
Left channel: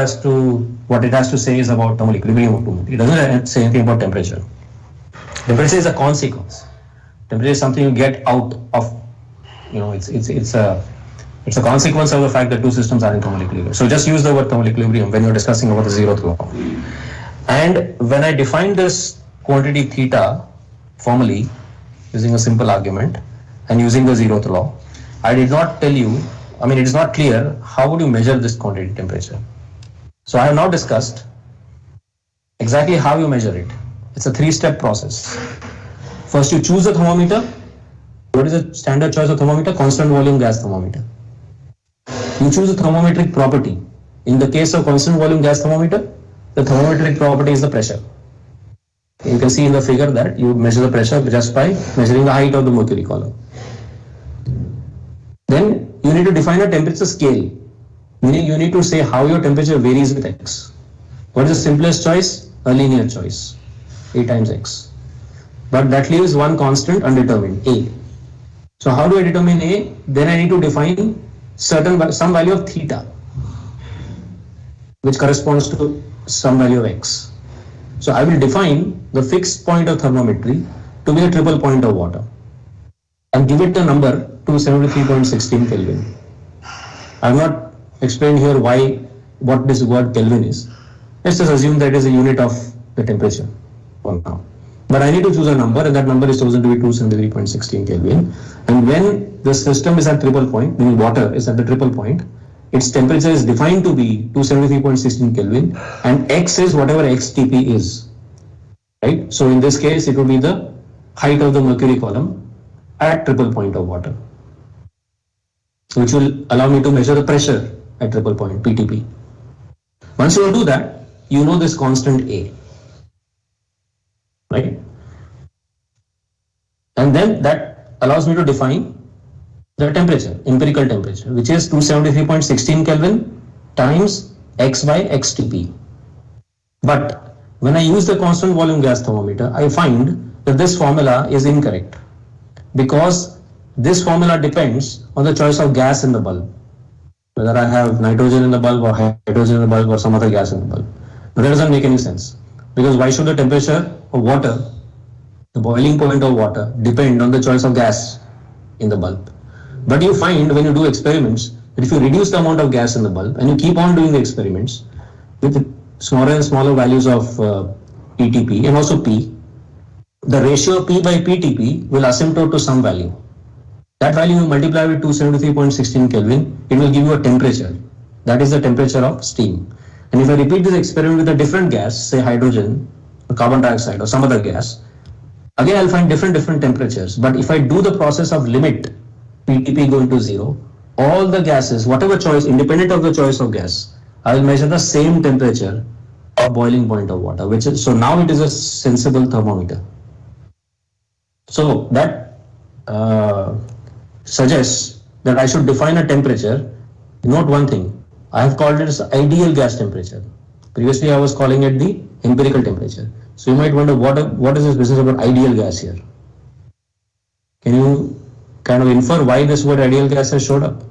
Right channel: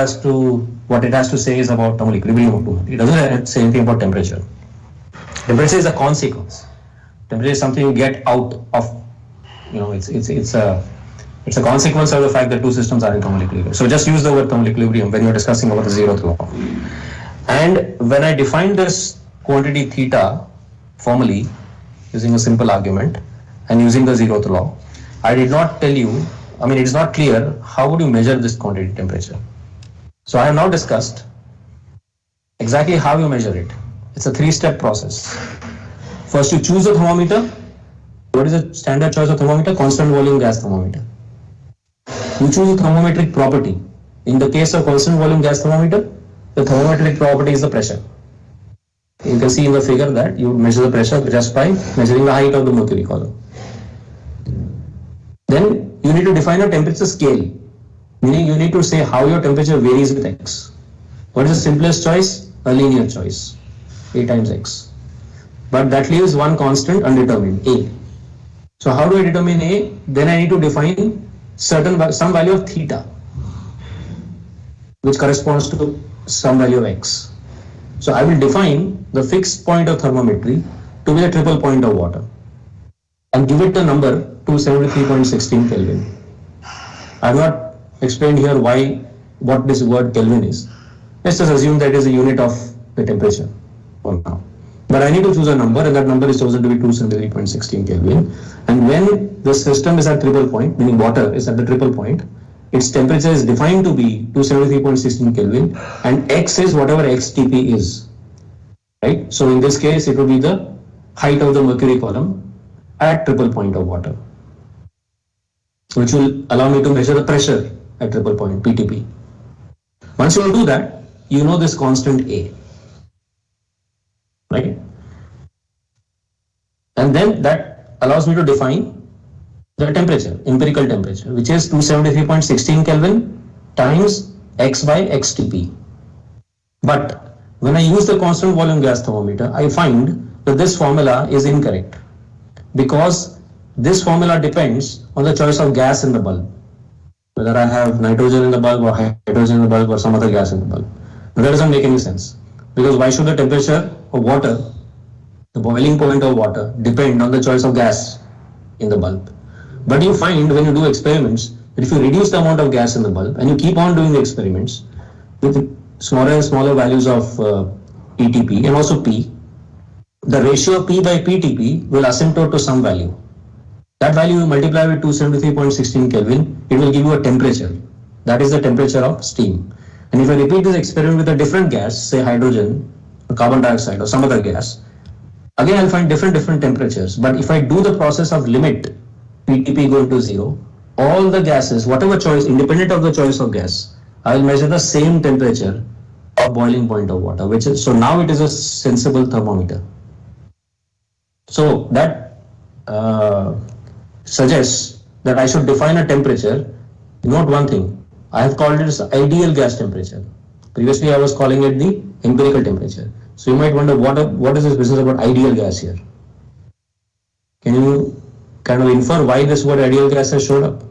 what it has to say is about thermal equilibrium of two. It doesn't say anything about temperature. Temperature is a consequence. Temperature is something you get out of, it's a consequence of the fact that two systems are in thermal equilibrium. So just use the word thermal equilibrium when you're discussing about the zeroth law. And when I defined this quantity theta formally using a simple argument and using the zeroth law, I did not tell you, it is not clear how would you measure this quantity temperature. So I have now discussed exactly how you measure it. It's a three-step process. First, you choose a thermometer. What is the standard choice of thermometer? Constant volume gas thermometer. You choose a thermometric property. In the case of constant volume gas thermometer, the thermometric property is the pressure. You can see in the figure that you measure the pressure just by measuring the height of the mercury column. Then you need to define a temperature scale, meaning you need to say how your temperature varies with x. What is the simplest choice? A linear choice, A times x. But that leaves one constant undetermined, A. So how do I determine A? Then I need to define some value of theta, which corresponds to some value of x. So I will define the fixed point of thermometry to be the triple point of water and give it a number 273.16 Kelvin. I have not explained here what this word Kelvin is. Let's just assume that it is a unit of the temperature for now. But I need to choose a number, and that number is chosen to be 273.16 Kelvin. And when the system is at triple point, meaning water is at the triple point, its temperature is defined to be 273.16 Kelvin, and x is whatever xTP is. Right? So in this case, it would be the height of the mercury column at triple point of water, which will allow me to measure the pressure at triple point, PTP. Once you do that, you know this constant A, right? And then that allows me to define the temperature, empirical temperature, which is 273.16 Kelvin times x by xTP. But when I use the constant volume gas thermometer, I find that this formula is incorrect, because this formula depends on the choice of gas in the bulb, whether I have nitrogen in the bulb or hydrogen in the bulb or some other gas in the bulb. But that doesn't make any sense, because why should the temperature of water, the boiling point of water, depend on the choice of gas in the bulb? But you find when you do experiments that if you reduce the amount of gas in the bulb and you keep on doing the experiments with smaller and smaller values of PTP and also P, the ratio of P by PTP will asymptote to some value. That value you multiply with 273.16 Kelvin, it will give you a temperature. That is the temperature of steam. And if I repeat this experiment with a different gas, say hydrogen or carbon dioxide or some other gas, again I'll find different temperatures. But if I do the process of limit PTP going to zero, all the gases, whatever choice, independent of the choice of gas, I will measure the same temperature of boiling point of water, so now it is a sensible thermometer. So that suggests that I should define a temperature. Note one thing, I have called it as ideal gas temperature. Previously I was calling it the empirical temperature. So you might wonder what is this business about ideal gas here? Can you kind of infer why this word ideal gas has showed up?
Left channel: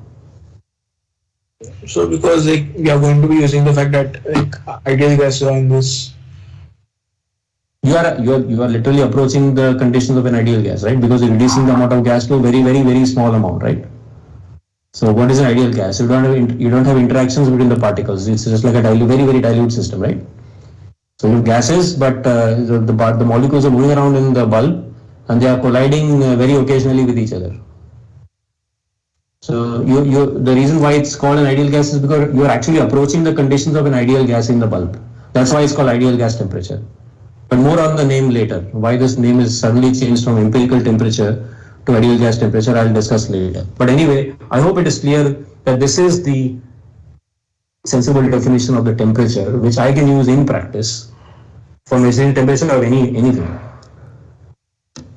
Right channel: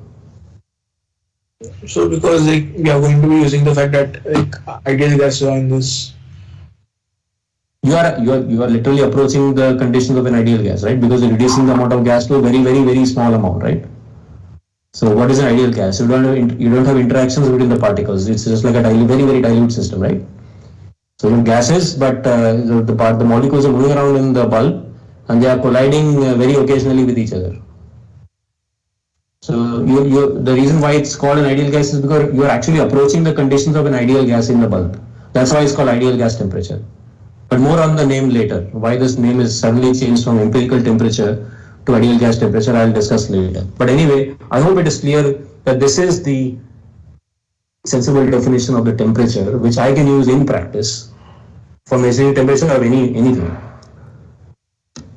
So because we are going to be using the fact that ideal gases are in this. You are literally approaching the conditions of an ideal gas, right? Because you're reducing the amount of gas to a very, very, very small amount, right? So what is an ideal gas? You don't have interactions between the particles. It's just like a very, very dilute system, right? So you have gases, but the molecules are moving around in the bulb and they are colliding very occasionally with each other. So the reason why it's called an ideal gas is because you are actually approaching the conditions of an ideal gas in the bulb. That's why it's called ideal gas temperature. but more on the name later. Why this name is suddenly changed from empirical temperature to ideal gas temperature, I'll discuss later. But anyway, I hope it is clear that this is the sensible definition of the temperature, which I can use in practice for measuring temperature of anything.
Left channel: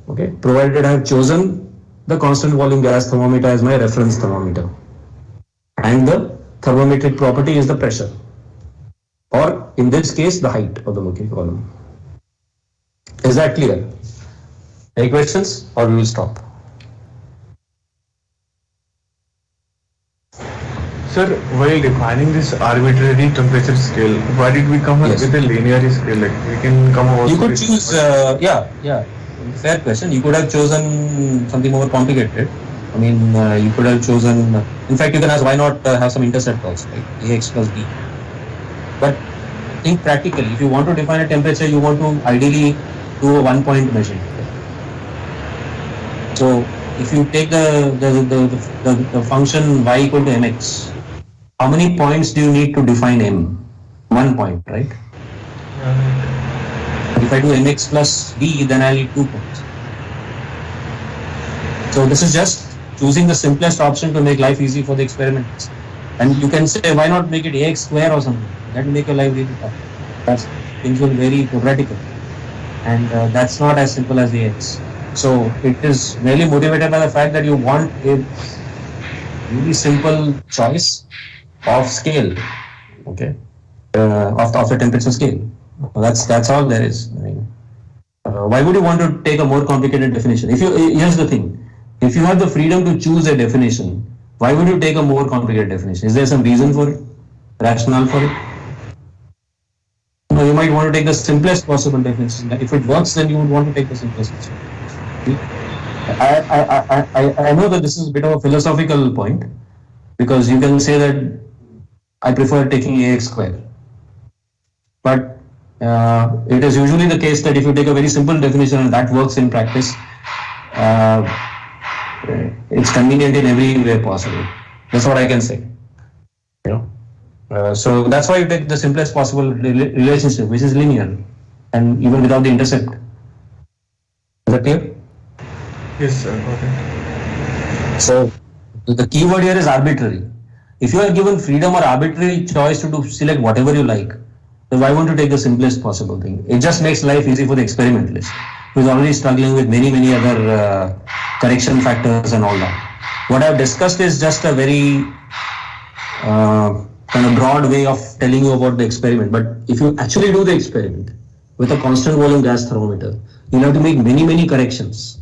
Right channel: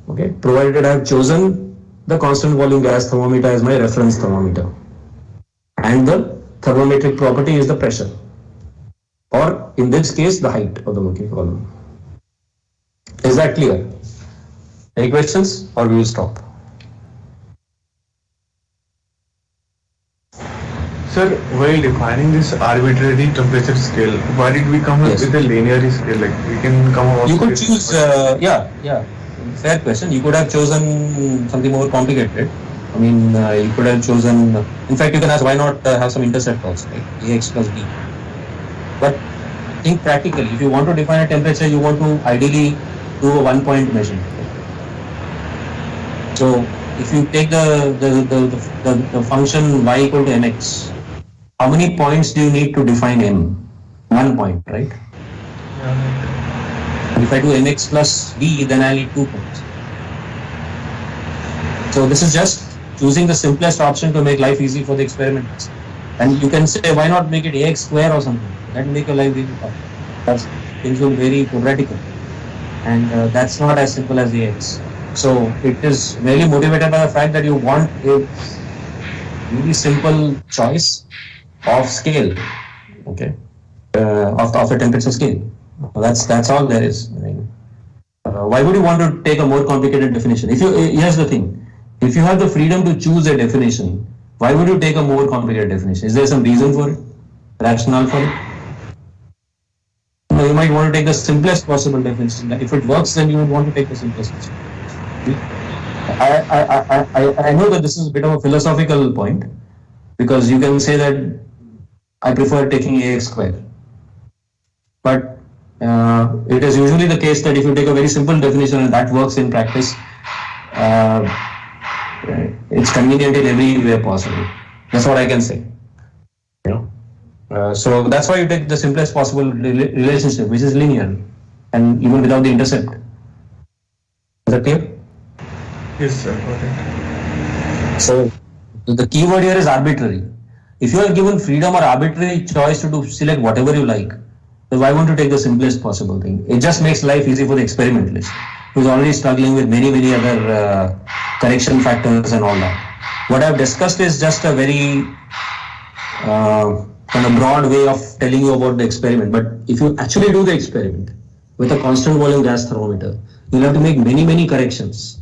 Okay, provided I have chosen the constant volume gas thermometer as my reference thermometer, and the thermometric property is the pressure, or in this case, the height of the mercury column. Is that clear? Any questions, or we will stop? Sir, while defining this arbitrary temperature scale, why did we come up Yes. with a linear scale? Like we can come up. You could choose, fair question. You could have chosen something more complicated. I mean, you could have chosen, in fact, you can ask why not have some intercept also, like AX plus B. But think practically, if you want to define a temperature, you want to ideally do a 1 point measurement. So if you take the function y equal to mx, how many points do you need to define m? 1 point, right? If I do mx plus b, then I need 2 points. So this is just choosing the simplest option to make life easy for the experiments. And you can say, why not make it ax square or something? That will make your life really tough. That's, things will be very quadratical. And that's not as simple as ax. So it is really motivated by the fact that you want a really simple choice of scale, okay, of the temperature scale. That's all there is. I mean, why would you want to take a more complicated definition? Here's the thing: if you have the freedom to choose a definition, why would you take a more complicated definition? Is there some reason for it? Rationale for it? No, you might want to take the simplest possible definition. If it works, then you would want to take the simplest possible. I know that this is a bit of a philosophical point, because you can say that I prefer taking ax square. But it is usually the case that if you take a very simple definition and that works in practice, it's convenient in every way possible. That's what I can say. You know, so that's why you take the simplest possible relationship, which is linear, and even without the intercept. Is that clear? Yes, sir. Okay. So the keyword here is arbitrary. If you are given freedom or arbitrary choice to select whatever you like, then why won't you take the simplest possible thing? It just makes life easy for the experimentalist, who is already struggling with many other correction factors and all that. What I've discussed is just a very kind of broad way of telling you about the experiment. But if you actually do the experiment with a constant volume gas thermometer, you'll have to make many corrections.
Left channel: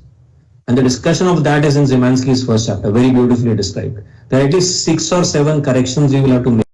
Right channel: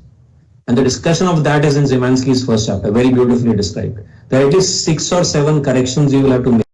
And the discussion of that is in Szymanski's first chapter, very beautifully described. There are at least 6 or 7 corrections you will have to make